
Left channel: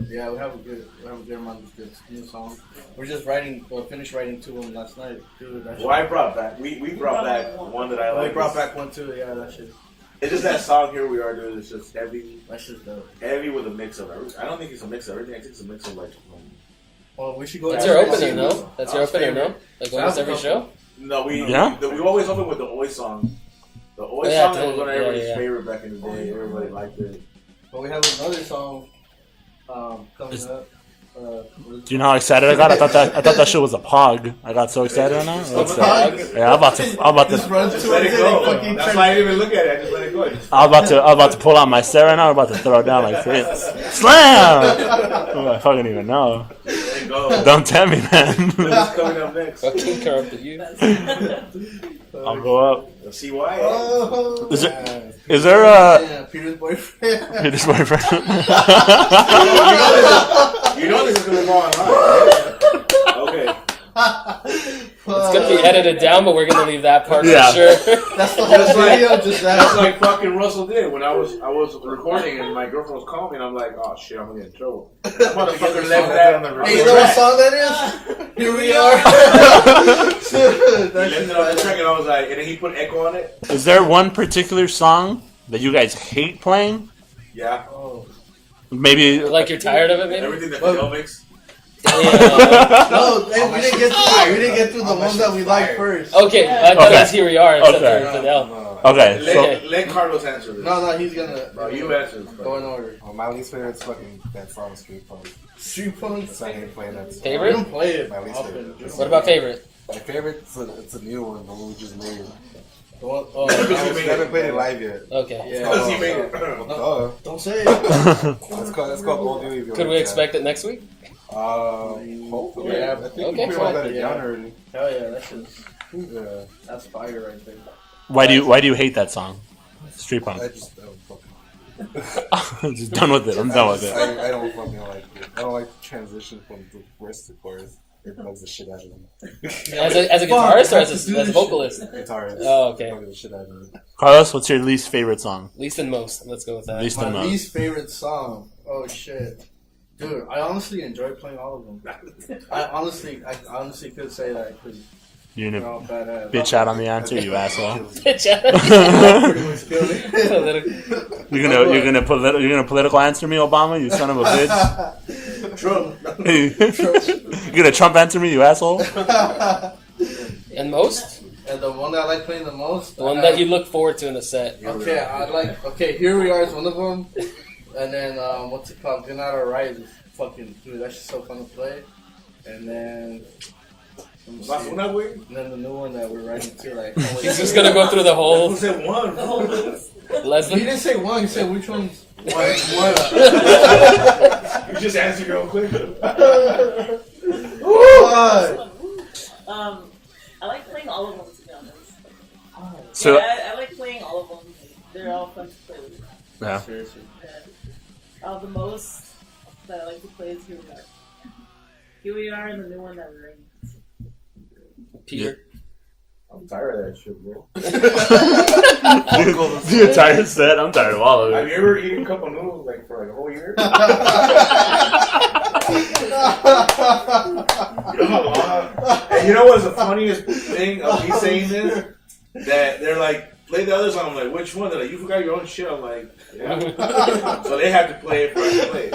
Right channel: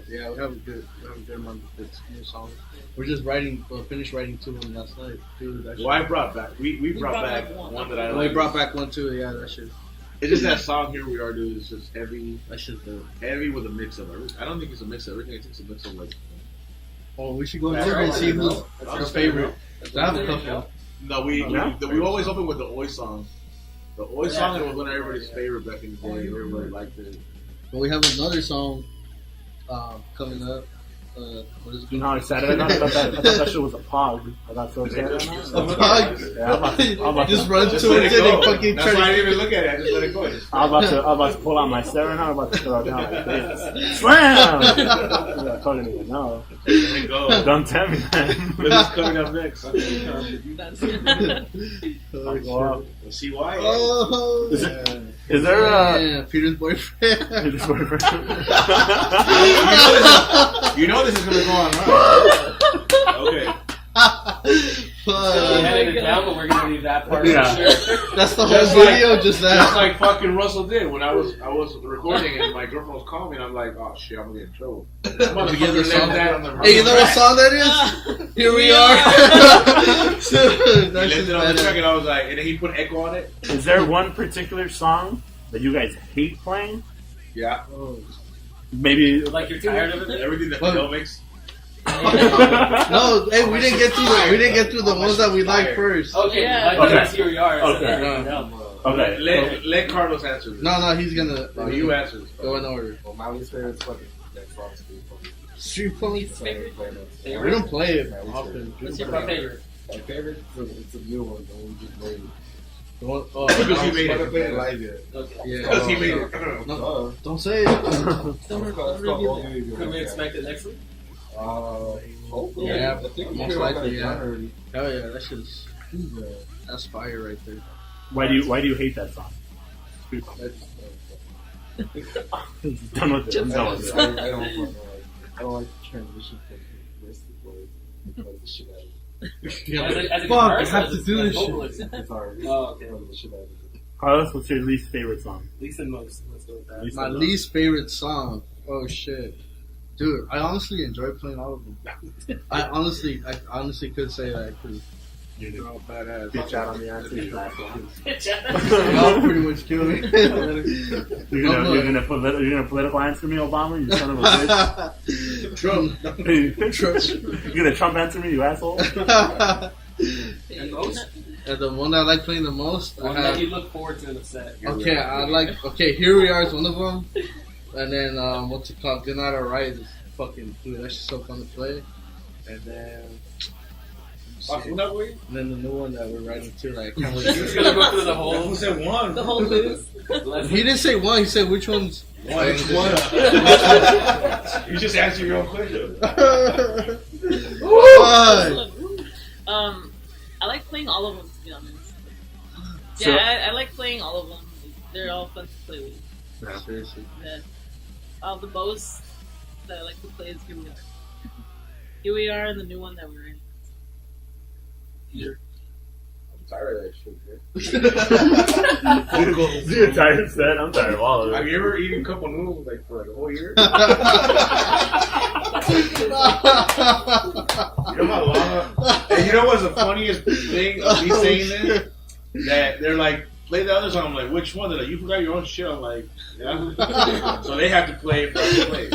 Yeah, we have a good amount of good new songs. We're just finished writing 2 of them last night. Dude, that shit. Well, I brought back. We brought back one that I like. We brought back one too. Yeah, that shit. It's just that song "Here We Are," dude. It's just heavy. That shit's dope. Heavy with a mix of everything. I don't think it's a mix of everything. I think it's a mix of like. Oh, we should go. That's your opening, no? That's your opening, no? Like when every show. No, we always open with the Oi song. The Oi song was one of everybody's favorite back in the day. Everybody liked it. But we have another song coming up. Do you know how excited I got? I thought that shit was a pog. I got so excited on that. Yeah, I'm about to just run to it and fucking. That's why I didn't even look at it. I just let it go. I'm about to pull out my set right now. I'm about to throw it down like Fritz. Slam! I fucking even know. Don't tell me, man. What's coming up next? I'll go up. See why? Is there a Peter's boyfriend? Peter's boyfriend. You know this is gonna go on, okay. It's gonna be edited down, but we're gonna leave that part for sure. That's the whole video, just that. That's like fucking Russell did when I was recording and my girlfriend was calling me and I'm like, oh shit, I'm gonna get in trouble. Hey, you know what song that is? Here we are. Left it on the track and I was like, and then he put echo on it. Is there one particular song that you guys hate playing? Yeah. Maybe like you're tired of it, maybe? Everything that Fidel makes. No, hey, we didn't get through the ones that we liked first. Okay, I thought it was Here We Are instead of everything else. Okay. Let Carlos answer this. No, he's gonna. No, you answer. Go in order. Well, my least favorite is fucking that song Street Punk. Street Punk? That's why I didn't play that. We Favorite? don't play it My least often. favorite. What about favorite? My favorite, it's a new one, the one we just made. He haven't played it live yet. Okay. Yeah. He made it. No, don't say it. it's called Old New Evil. Could we expect it next week? Hopefully. Yeah, I think okay. we put that down already. Hell yeah, that shit's. Yeah. That's fire right there. Why do you hate that song? Street Punk. I just, I'm just done with it. I'm done with it. I don't fucking like it. I don't like the transition from the verse to chorus. It bugs the shit out of me. As a guitarist or as a vocalist? Guitarist. Oh, okay. Bugs the shit out of me. Carlos, what's your least favorite song? Least and most. Let's go with that. Least My and most. least favorite song. Oh shit. Dude, I honestly enjoy playing all of them. I honestly could say that because You're gonna badass. bitch out on the answer, you asshole. I'll pretty much kill me. You're gonna political answer me, Obama, you son of a bitch. Trump. You're gonna Trump answer me, you asshole. And most? And the one that I like playing the most, The one that you look forward to in the set. Okay, Here We Are is one of them. And then, what's it called? Good Night Alright is fucking, dude, that's just so fun to play. And then, and then the new one that we're writing too, like, He's just gonna go through the whole. Who said one? The whole list. He didn't say one, he said which one's. One. You just answered real quick. I like playing all of them, to be honest. So- I like playing all of them. They're all fun to play with. Yeah. Seriously. Yeah. The most that I like to play is Here We Are. Here We Are and the new one that we're in. Peter. I'm tired of that shit, bro. You're tired of set? I'm tired of all of Have it. you ever eaten cup of noodles for a whole year? You know how long? And you know what's the funniest thing of me saying this? That they're like, play the other song. I'm like, which one? They're like, you forgot your own shit. I'm like, yeah. So they have to play it for us to play.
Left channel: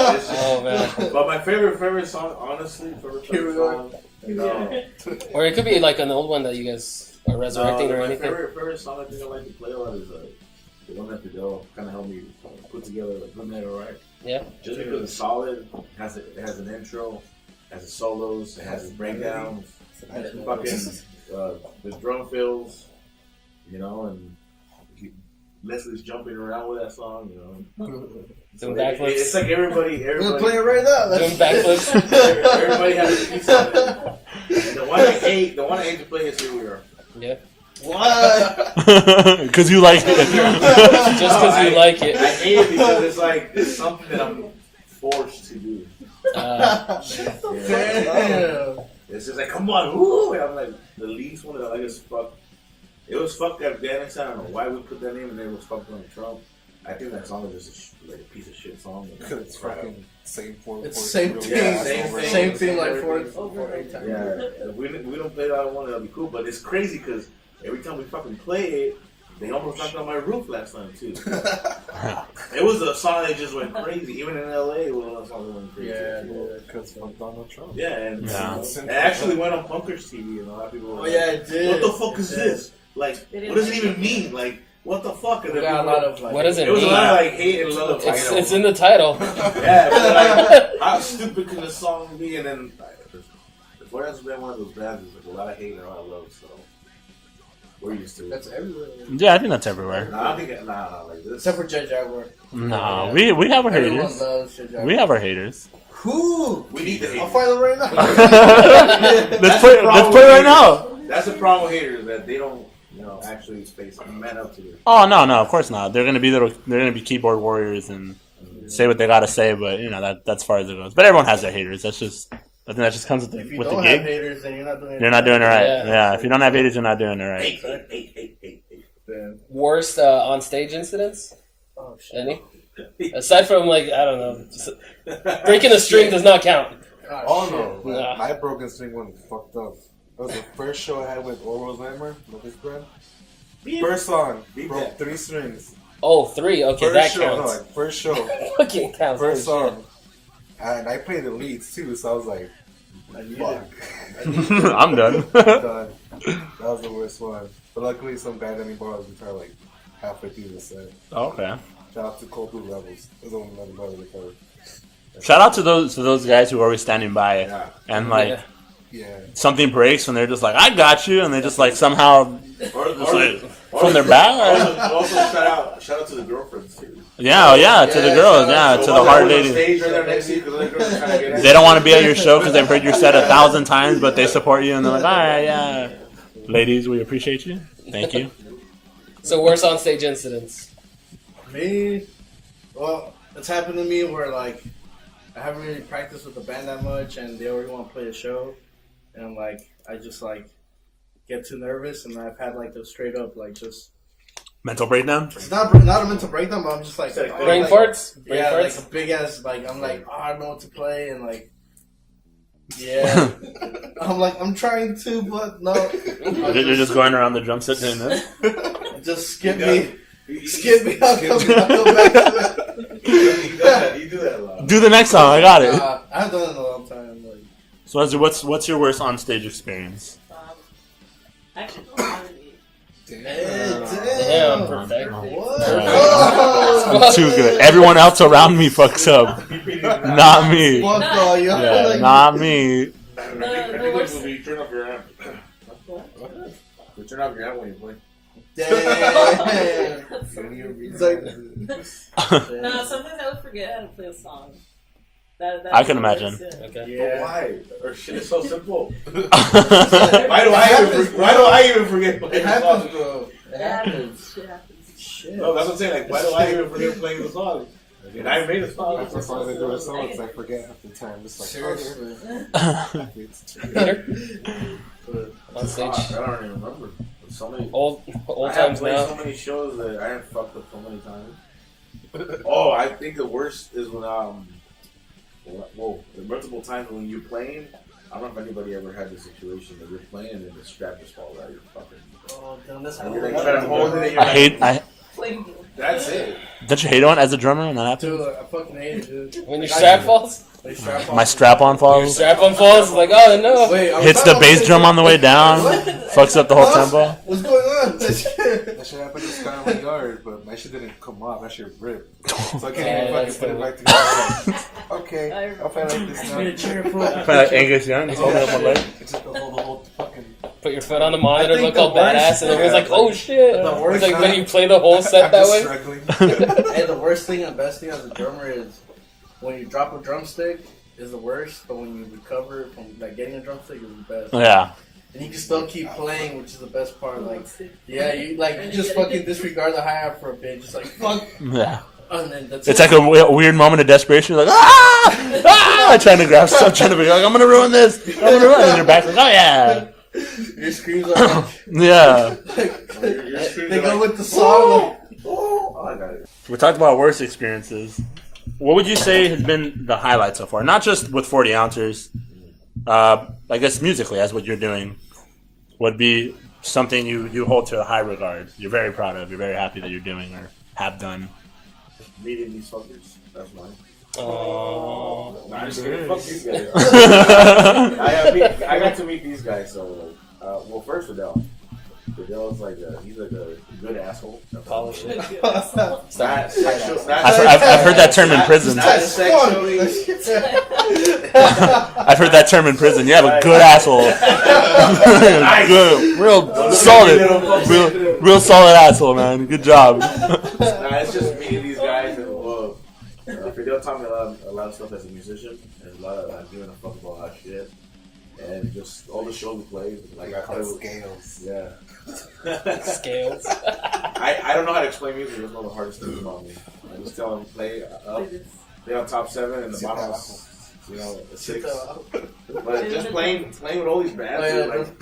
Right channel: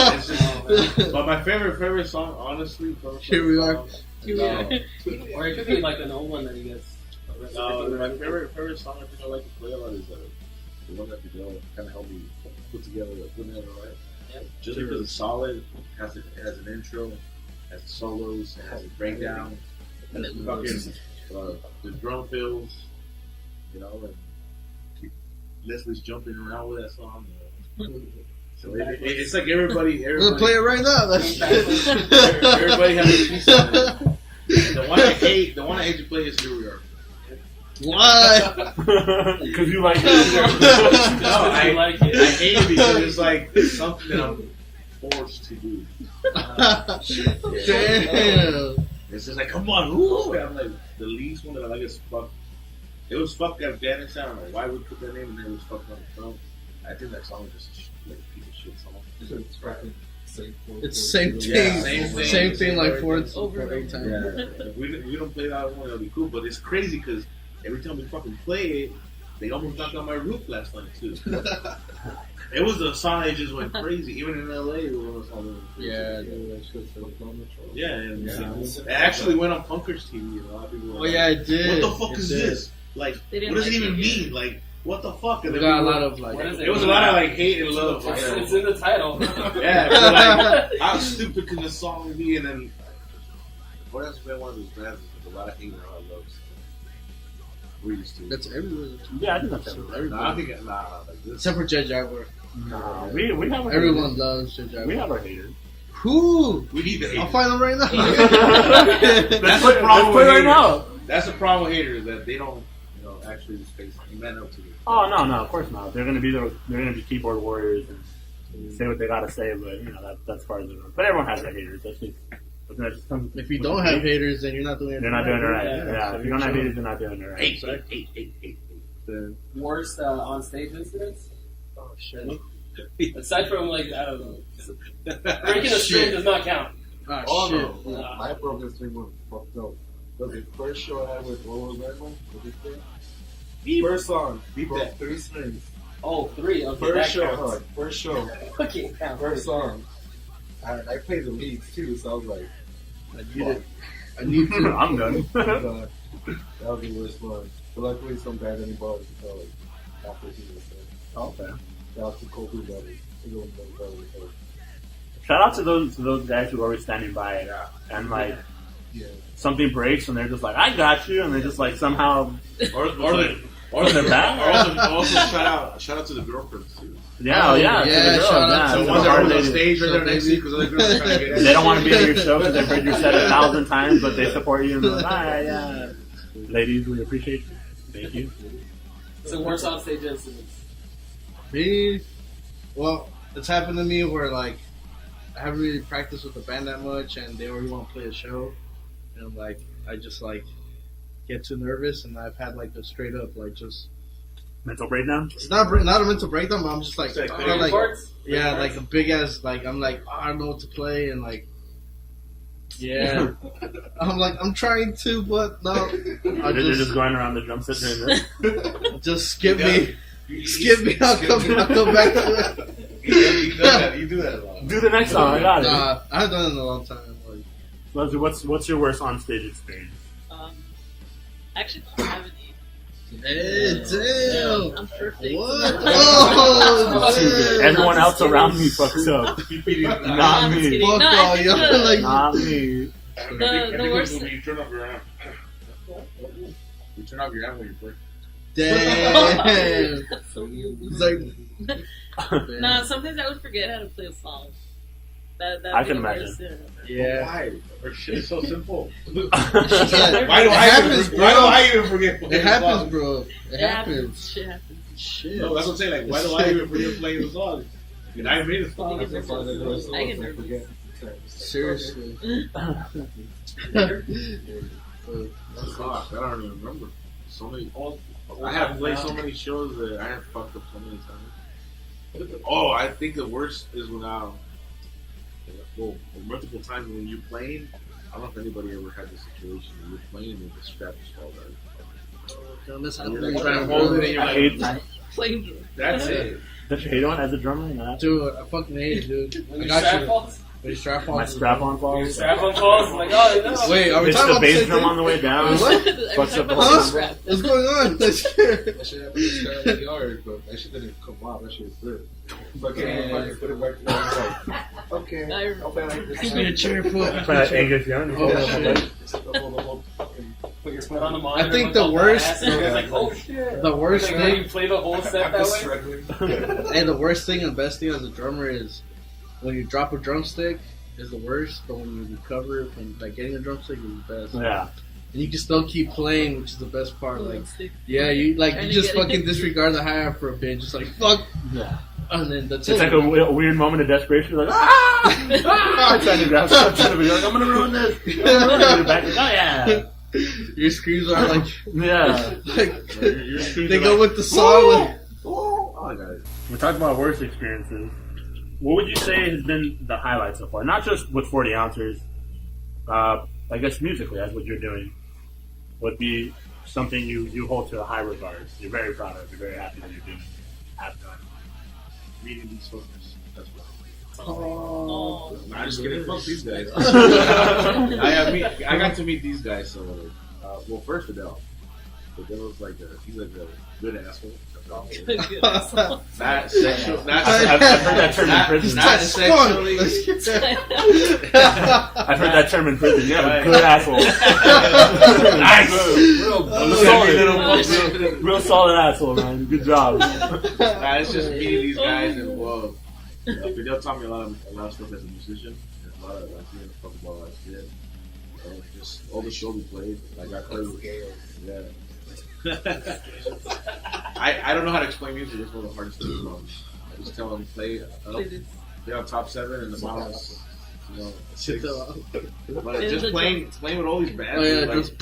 Man. But my favorite song, honestly, Here We Are. Here We Are. Or it could be like an old one that you guys are resurrecting or my anything. favorite song I think I like to play a lot is the one that Fidel kind of helped me put together, put that right. Yeah. Just because it's solid, it has an intro, has the solos, it has a breakdown, and then fucking the drum fills, you know, and Leslie's jumping around with that song, you know. So it's like everybody. We're gonna play it right now. Doing backflips. Everybody has a piece of it. And the one I hate to play is Here We Are. Yeah. What? Because you like it. Just because you like it. I hate it because it's like something that I'm forced to do. Damn. It's just like, come on, woo! And I'm like, the least one that I like is fuck. It was Fuck Afghanistan. I don't know why we put that name, and then it was Fuck Donald Trump. I think that song is just a piece of shit song. Because it's fucking same form. It's same thing. Yeah, Same thing like four times. Yeah, if we don't play that one, that'll be cool. But it's crazy because every time we fucking play it, they almost knocked on my roof last time too. It was a song that just went crazy. Even in LA, it was a song that went crazy. Yeah, dude. Because fuck Donald Trump. Yeah, and Yeah. it actually went on Punkers TV. And a lot of people were Oh like, yeah, it did. what the fuck is this? Like, They what didn't does it like even it. mean? Like, what the fuck? And We then got a we lot were- of like. What does it It was a mean? lot of like hate and love. It's in the title. Yeah, but like, how stupid can a song be? And then, before that's been one of those bands, there's a lot of hate and a lot of love. So, we're used to it. That's everywhere. Yeah, I think that's everywhere. Nah, I think like this. Except for Judge Jaguar. No, we have our Everyone haters. loves Judge Jaguar. We have our haters. Who? We need to I'll hate. find them right now. Let's put it right now. That's the problem with haters, that they don't, actually face man up to it. Oh no, of course not. They're gonna be keyboard warriors and say what they gotta say, but that's as far as it goes. But everyone has their haters. I think that just comes with the If you with don't the have gig. haters, then you're not doing it. You're not doing it right. Yeah. Yeah, if you don't have haters, you're not doing it right. Hey. Worst on stage incidents? Oh shit. Any? Aside from I don't know, just breaking a string does not count. Oh shit. no, but Nah. my broken string one was fucked up. It was the first show I had with Orwell's Lammer with his friend. First song, broke 3 strings. Oh, 3. Okay, that First show, counts. first show, Fucking counts. first song. And I played the leads too, so I was like, I need fuck. it. I need it. I'm done. I'm done. That was the worst one. But luckily, some guy let me borrow his guitar like halfway through the set. Okay. Shout out to Cold Blue Rebels. They're the one that let me borrow the guitar. Shout out to those guys who are always standing by and Yeah. Yeah. something breaks and they're just like, I got you, and they just like somehow Or from their back. also shout out to the girlfriends too. Yeah, to the Yeah, girls, shout out to to the ones that hard were on ladies. stage right there next to you because other girls are trying to get in. They don't want to be at your show because they've heard your set 1,000 times, but they support you and they're like, all right, yeah. Ladies, we appreciate you. Thank you. So worst on stage incidents? Me? Well, it's happened to me where like I haven't really practiced with the band that much, and they already want to play the show, and like I just like get too nervous, and I've had like the straight up like just Mental breakdown? it's not a mental breakdown, but I'm just like, Brain Brain like farts? Brain yeah, like farts? a big ass like I'm like I don't know what to play, and like yeah, I'm like I'm trying to, but no, You're just going around the drum set doing this? just skip Yeah. me. Skip me, I'll come back to it. You do that a lot. Do the next song, I got it. I haven't done it in a long time. Like, So Leslie, what's your worst on stage experience? Actually, I don't have any. damn. Perfect. What? Oh. Too good. Everyone else around me fucks up. Not me. Fuck all y'all. Like, Not me. The worst- When you turn off your amp. You turn off your amp when you play. damn. It's like, No, sometimes I would forget how to play a song. That I can imagine. Okay. But yeah. why? Our shit is so simple. Why Why do I even forget? It happens, bro. It happens. Shit happens. Shit. No, that's what I'm saying. Like, why do I even forget playing the song? And I made a song. That's as far as I do with songs, I forget half the time. It's like, Seriously. On stage. Fuck, I don't even remember. So many. Old I have times played now. so many shows that I have fucked up so many times. Oh, I think the worst is when multiple times when you're playing. I don't know if anybody ever had the situation that you're playing and the strap just falls out of your pocket. Oh, damn, that's You're happening. like trying to hold it in your I hate. Playing. That's it. Don't you hate it when as a drummer and that happens? Dude, I fucking hate it, dude. When your Like, strap falls? My strap-on falls. Strap-on falls. Like, oh no. Wait, Hits the bass drum on the way down. Fucks up the whole tempo. What's going on? That shit happened in Skyline Yard, but my shit didn't come off. That shit ripped. So I can't even fucking put it back together. Okay, I'll play like this. Give me a chair, pull Like Angus Young. It's just the whole fucking. Put your foot on the monitor, I think look the all badass, and everyone's like, "Oh shit!" The worst It's like thing- when you play the whole set that way. And the worst thing and best thing as a drummer is when you drop a drumstick is the worst, but when you recover from like getting a drumstick is the best. Yeah. And you can still keep playing, which is the best part. Like, Stick. yeah, you And just you get fucking it. disregard the hi-hat for a bit, just like fuck, Yeah. and then that's It's it. like a weird moment of desperation. You're like, ah! Trying to grab stuff, trying to be like, I'm gonna ruin this. I'm gonna ruin it. And your back like, oh yeah. Your screams are like, Yeah. they go with the song. Like, Oh, I got it. We talked about worst experiences. What would you say has been the highlight so far? Not just with 40 ounces. I guess musically, as what you're doing, would be something you hold to a high regard. You're very proud of. You're very happy that you're doing or have done. Meeting these fuckers. That's why. Oh. Nah, I'm just kidding. Fuck these guys. I got to meet these guys. So, well, first Fidel. Fidel is like he's like a good asshole. I've heard that term in prison. Not sexually. I've heard that term in prison. You have a good asshole. Good, real solid asshole, man. Good job. It's just meeting these guys, and well, Fidel taught me a lot of stuff as a musician, and a lot of doing a fuck about a lot of shit, and just all the shows we played. Like I played with Scales. yeah. Scales. I don't know how to explain music. It's one of the hardest things about me. I just tell them play up, play on top 7, and the bottom, you know, 6. But just playing with all these bands. Oh, yeah, like, just,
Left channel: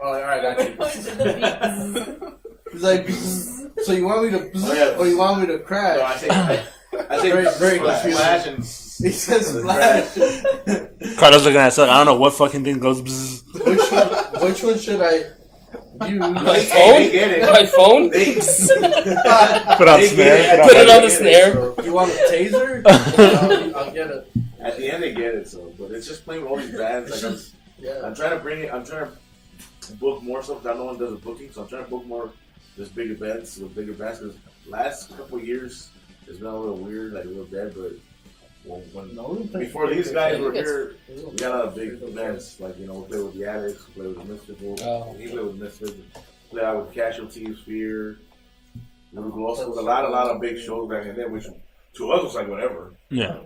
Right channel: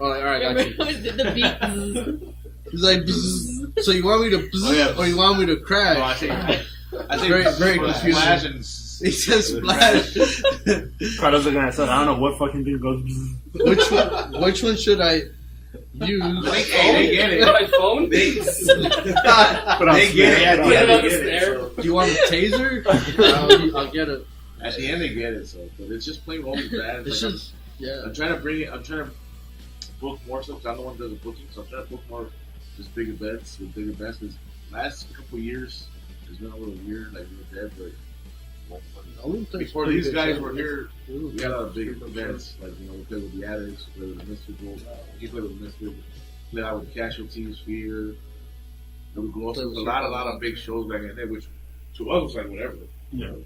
alright, I Remember got when we did the beat? He's like, bzzz. So you want me to bzzz, Oh, yeah. or you want me to crash? no, I think Very splash confusing. and He says splash. Carlos looking at son. I don't know what fucking thing goes bzzz. Which one should I use? My They phone? get it. My phone? They, Put on they snare. get it. Put it on the snare. Do you want a taser? I'll get it. At the end, they get it. So, but it's just playing with all these bands. It's Like, just, yeah. I'm trying to bring it. I'm trying to book more stuff because no one does a booking. So I'm trying to book more just big events with bigger bands. Because last couple years it's been a little weird, like a little dead. But before these guys were here, we got a lot of big events. Like we played with the Addicts, we played with Misfits. We played with Misfits. Played out with Casualties, Fear. We would go also with a lot of big shows back in the day, which to us was like whatever. Yeah.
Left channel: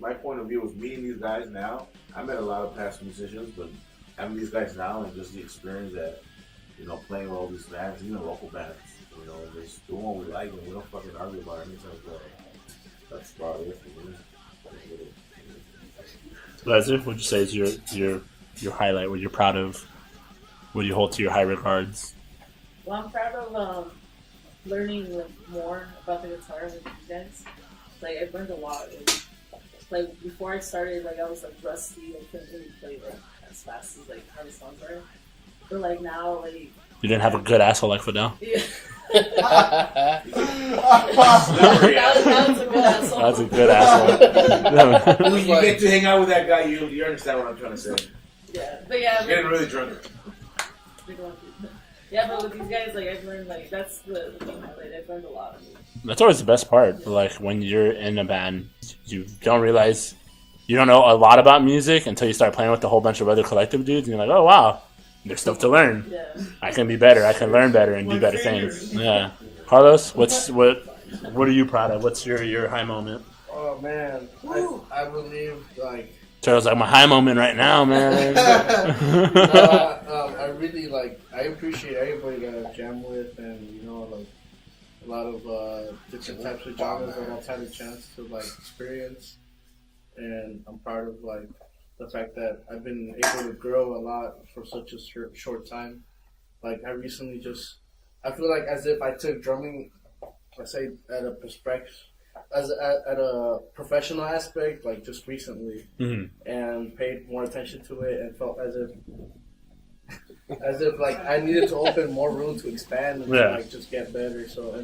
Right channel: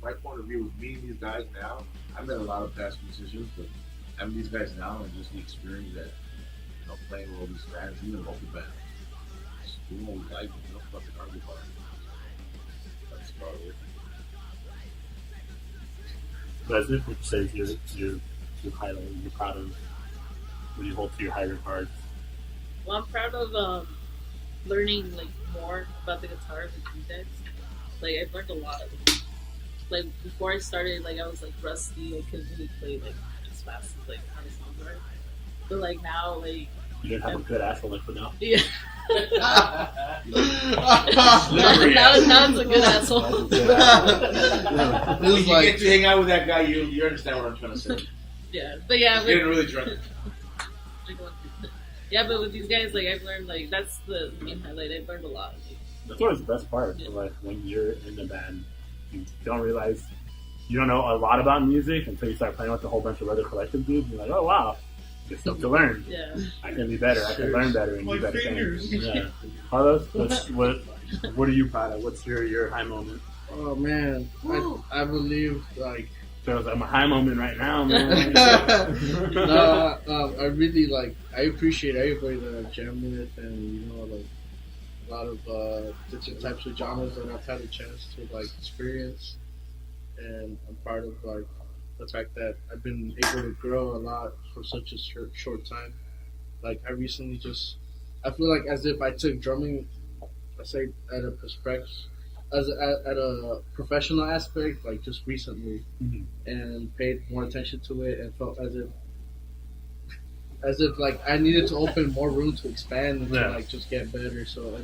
My point of view was meeting these guys now. I met a lot of past musicians, but having these guys now and just the experience that, playing with all these bands, even local bands, just doing what we like and we don't fucking argue about anything like that. That's about it. Leslie, what would you say is your highlight? What you're proud of? What do you hold to your high regards? Well, I'm proud of learning more about the guitar with you guys. I've learned a lot. Before I started, I was rusty. I couldn't really play as fast as how the songs are. But now, You didn't have a good asshole like Fidel. yeah. Slippery now it's a good asshole. That's a good asshole. When you get to hang out with that guy, you understand what I'm trying to say. Yeah, but yeah, Getting really drunk. Yeah, but with these guys, I've learned that's the main highlight. I've learned a lot. That's always the best part. Yeah. When you're in a band, you don't realize you don't know a lot about music until you start playing with a whole bunch of other collective dudes, and you're like, oh wow, there's stuff to learn. Yeah. I can be better. I can learn better and do better things. Yeah. Carlos, what are you proud of? What's your high moment? Oh man, I believe Charles, my high moment right now, man. I really I appreciate everybody that I jam with, and a lot of different types of genres that I've had a chance to experience, and I'm proud of the fact that I've been able to grow a lot for such a short time. I recently I feel as if I took drumming, I say at a perspective, at a professional aspect, just recently, and paid more attention to it, and felt as if I needed to open more room to expand and just get better. So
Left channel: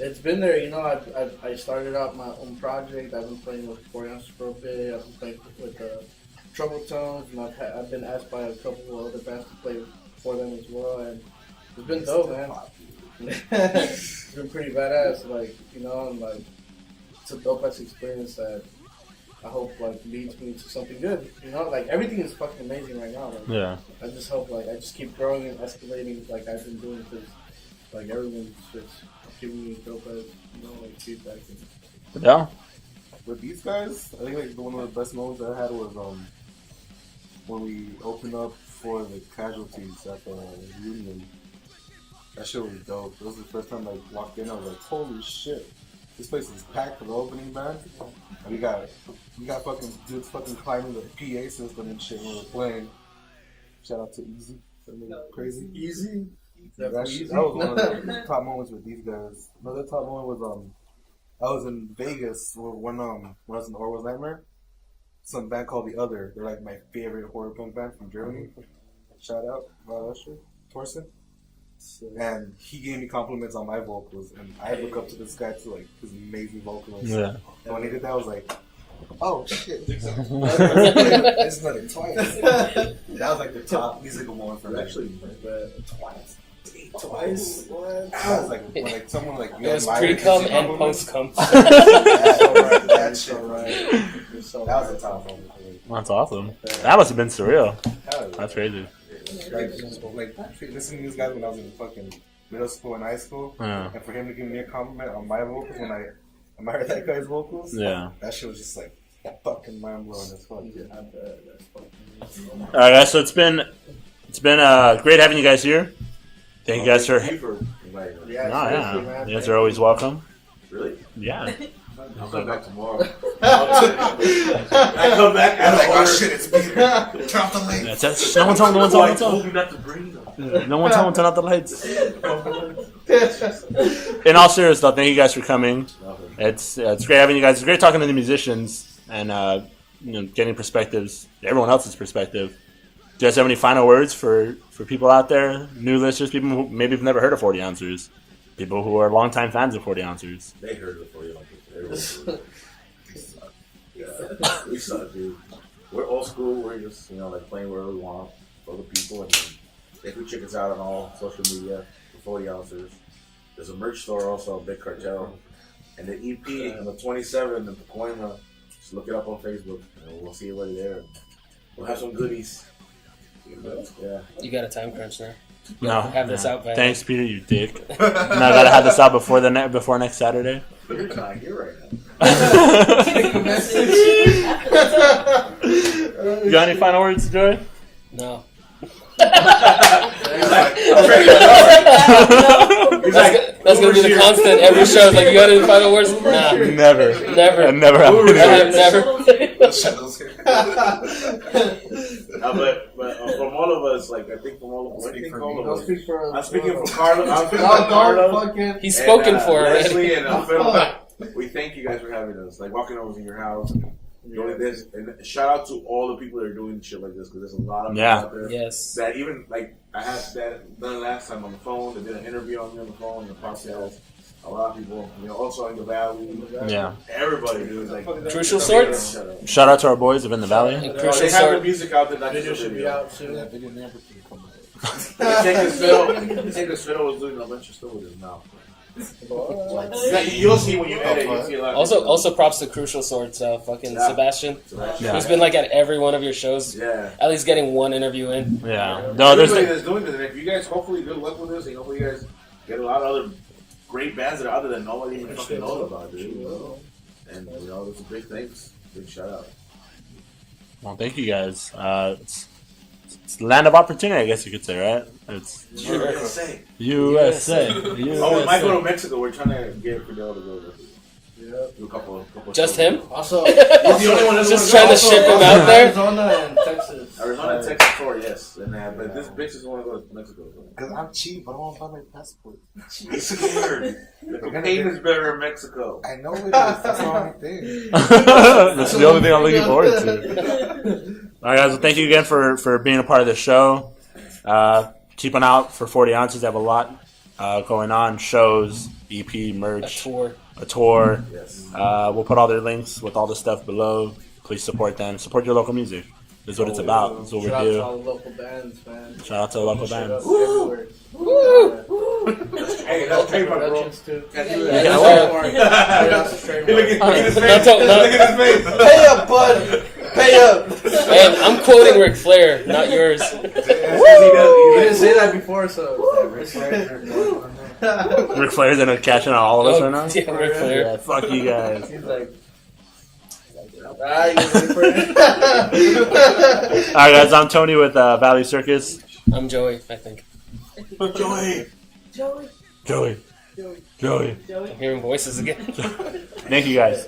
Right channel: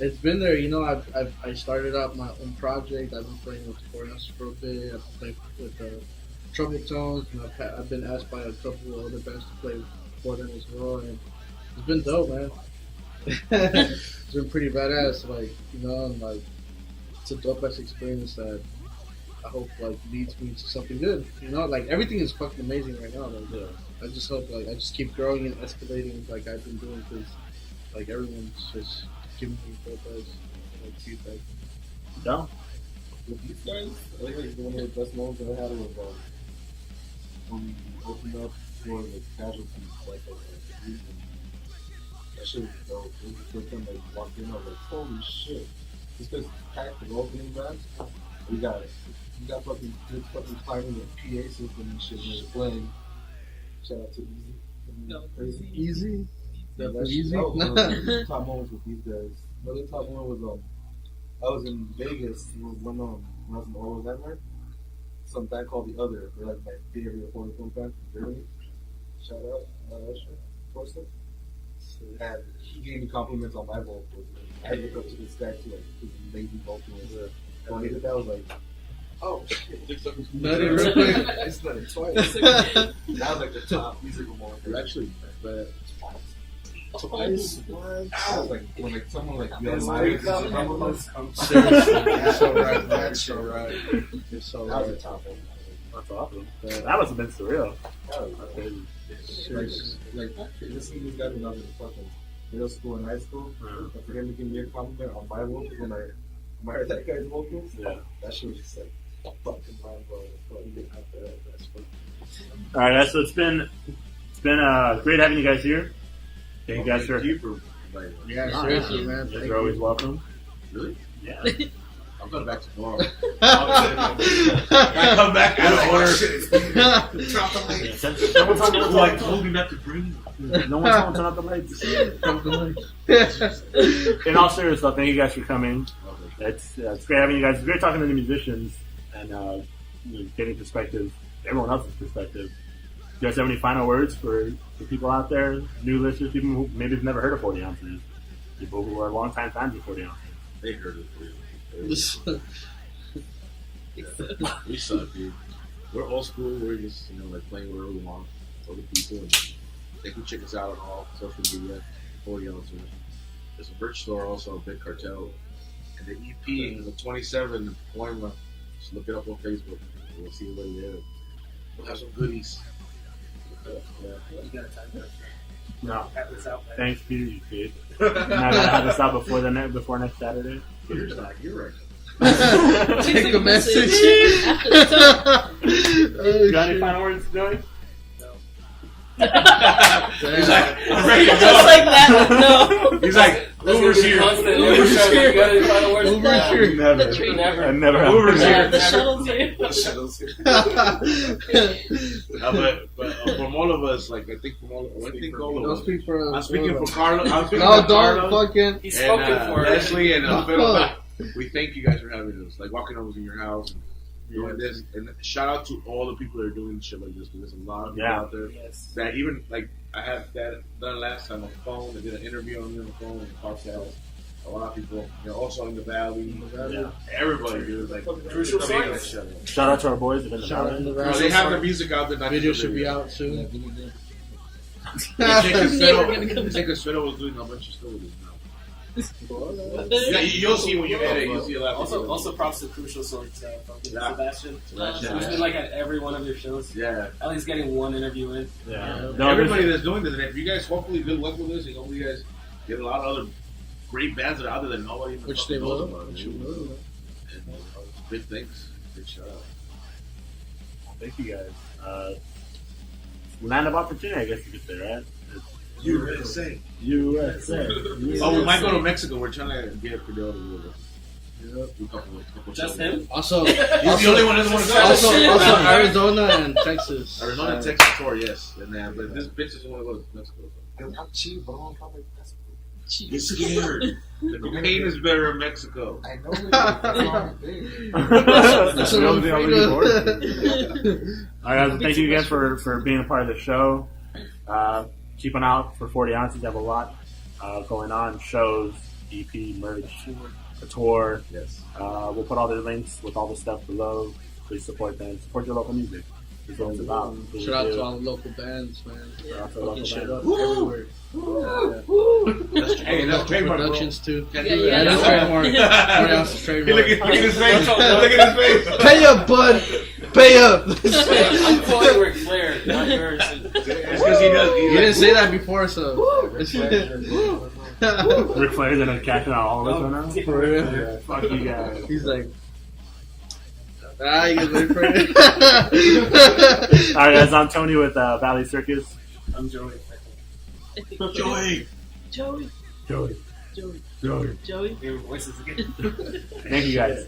It's been there, you know. I started out my own project. I've been playing with the 40 ounces for a bit. I've been playing with Trouble Tones, and I've been asked by a couple of other bands to play for them as well, and it's been dope, man. It's been pretty badass, like, you know, and like it's a dope ass experience that I hope like leads me to something good. You know, like everything is fucking amazing right now. Like, yeah. I just hope like I just keep growing and escalating like I've been doing, because like everyone's just giving me dope ass, you know, like feedback. Yeah. With these guys, I think like one of the best moments I had was when we opened up for the Casualties at the Union. That shit was dope. It was the first time I walked in. I was like, holy shit, this place is packed for the opening band. We got fucking dudes fucking climbing the PA system and shit when we were playing. Shout out to Easy. Crazy Easy. That was one of the top moments with these guys. Another top moment was I was in Vegas when I was in Orwell's Nightmare. Some band called The Other. They're like my favorite horror punk band from Germany. Shout out, Torsten. And he gave me compliments on my vocals, and I look up to this guy too, like this amazing vocalist. Yeah. And when he did that, I was like, oh shit! It's done it twice. That was like the top musical moment for actually, but twice. What? I was like, when like someone like you had pre-cum and post-cum. That's so right. That was a top moment. That's awesome. That must have been surreal. That's crazy. Like listening to these guys when I was in fucking middle school and high school, and for him to give me a compliment on my vocals when I heard that guy's vocals, that shit was just like fucking mind blowing as fuck. I bet that's fucking. All right, guys. So it's been great having you guys here. Thank you guys for. Yeah, you guys are always welcome. Really? Yeah. I'll come back tomorrow. I come back and like, my shit is being drop the lights. No one told me not to bring them. No one told me to turn out the lights. In all seriousness, though, thank you guys for coming. It's great having you guys. It's great talking to the musicians and getting perspectives, everyone else's perspective. Do you guys have any final words for people out there, new listeners, people who maybe have never heard of 40 Ounces, people who are longtime fans of 40 Ounces? They heard of 40 Ounces. We suck, dude. We're old school. We're just like playing wherever we want for other people, and they can check us out on all social media. 40 Ounces. There's a merch store also, Big Cartel, and the EP on the 27th in Pacoima. Just look it up on Facebook. We'll see you there. We'll have some goodies. Yeah. You got a time crunch there. No. Have this out by Thanks, Peter, you dick. No, I gotta have this out before next Saturday. Peter's not here right now. Take a message. You got any final words, Joey? No. He's like, that's gonna be the constant every show. Like, you got any final words? Nah. Never. Never. But from all of us, like I think from all of us, I'll speak for I'm speaking for Carlo. He's spoken for Leslie and Phil. We thank you guys for having us. Like walking over in your house, doing this, and shout out to all the people that are doing shit like this, because there's a lot of people out there. Yes. That even like I had that done last time on the phone. They did an interview on me on the phone in the podcast. A lot of people, also in the valley. Yeah. Everybody, dude. Like Crucial Sorts. Shout out to our boys of In the Valley. They have the music out there. Video should be out soon. I think Fiddle was doing a bunch of stuff with his mouth. You'll see when you edit. You'll see a lot. Also, props to Crucial Sorts, Sebastian. He's been like at every one of your shows. Yeah. At least getting one interview in. Yeah. No, everybody that's doing this, and if you guys hopefully good luck with this, and hopefully you guys get a lot of other great bands that are out there that nobody even fucking knows about. And those are big things. Big shout out. Well, thank you guys. It's the land of opportunity, I guess you could say, right? It's USA. Oh, we might go to Mexico. We're trying to get Fidel to go there. Do a couple Just him? Also, he's the only one that's just trying to ship him out there. Arizona and Texas. Texas tour, yes. But this bitch just want to go to Mexico. Because I'm cheap, but I don't have my passport. He's scared. The cocaine is better in Mexico. I know it is. That's the only thing. That's the only thing I'm looking forward to. All right, guys. Well, thank you again for being a part of the show. Keep an eye out for 40 Ounces. They have a lot going on. Shows, EP, merch, A tour. a tour. Yes. We'll put all their links with all the stuff below. Please support them. Support your local music. This is what it's about. This is what Shout out we to do. all the local bands, man. Shout out to the local Shout bands. out everywhere. Hey, that's trademark, bro. Productions too. Yeah, That's trademark. That's trademark. Look at his face. Look at his face. Pay up, bud. Pay up. Man, I'm quoting Ric Flair, not yours. That's 'cause he does. You didn't say that before, so. Ric Flair's gonna cash in on all of us right now. Yeah, Ric Flair. Yeah, fuck you guys. He's like. You can for it. Alright guys, I'm Tony with Valley Circus. I'm Joey, I think. Joey. Joey. Joey. Joey. Joey. Joey. I'm hearing voices again. Thank you guys.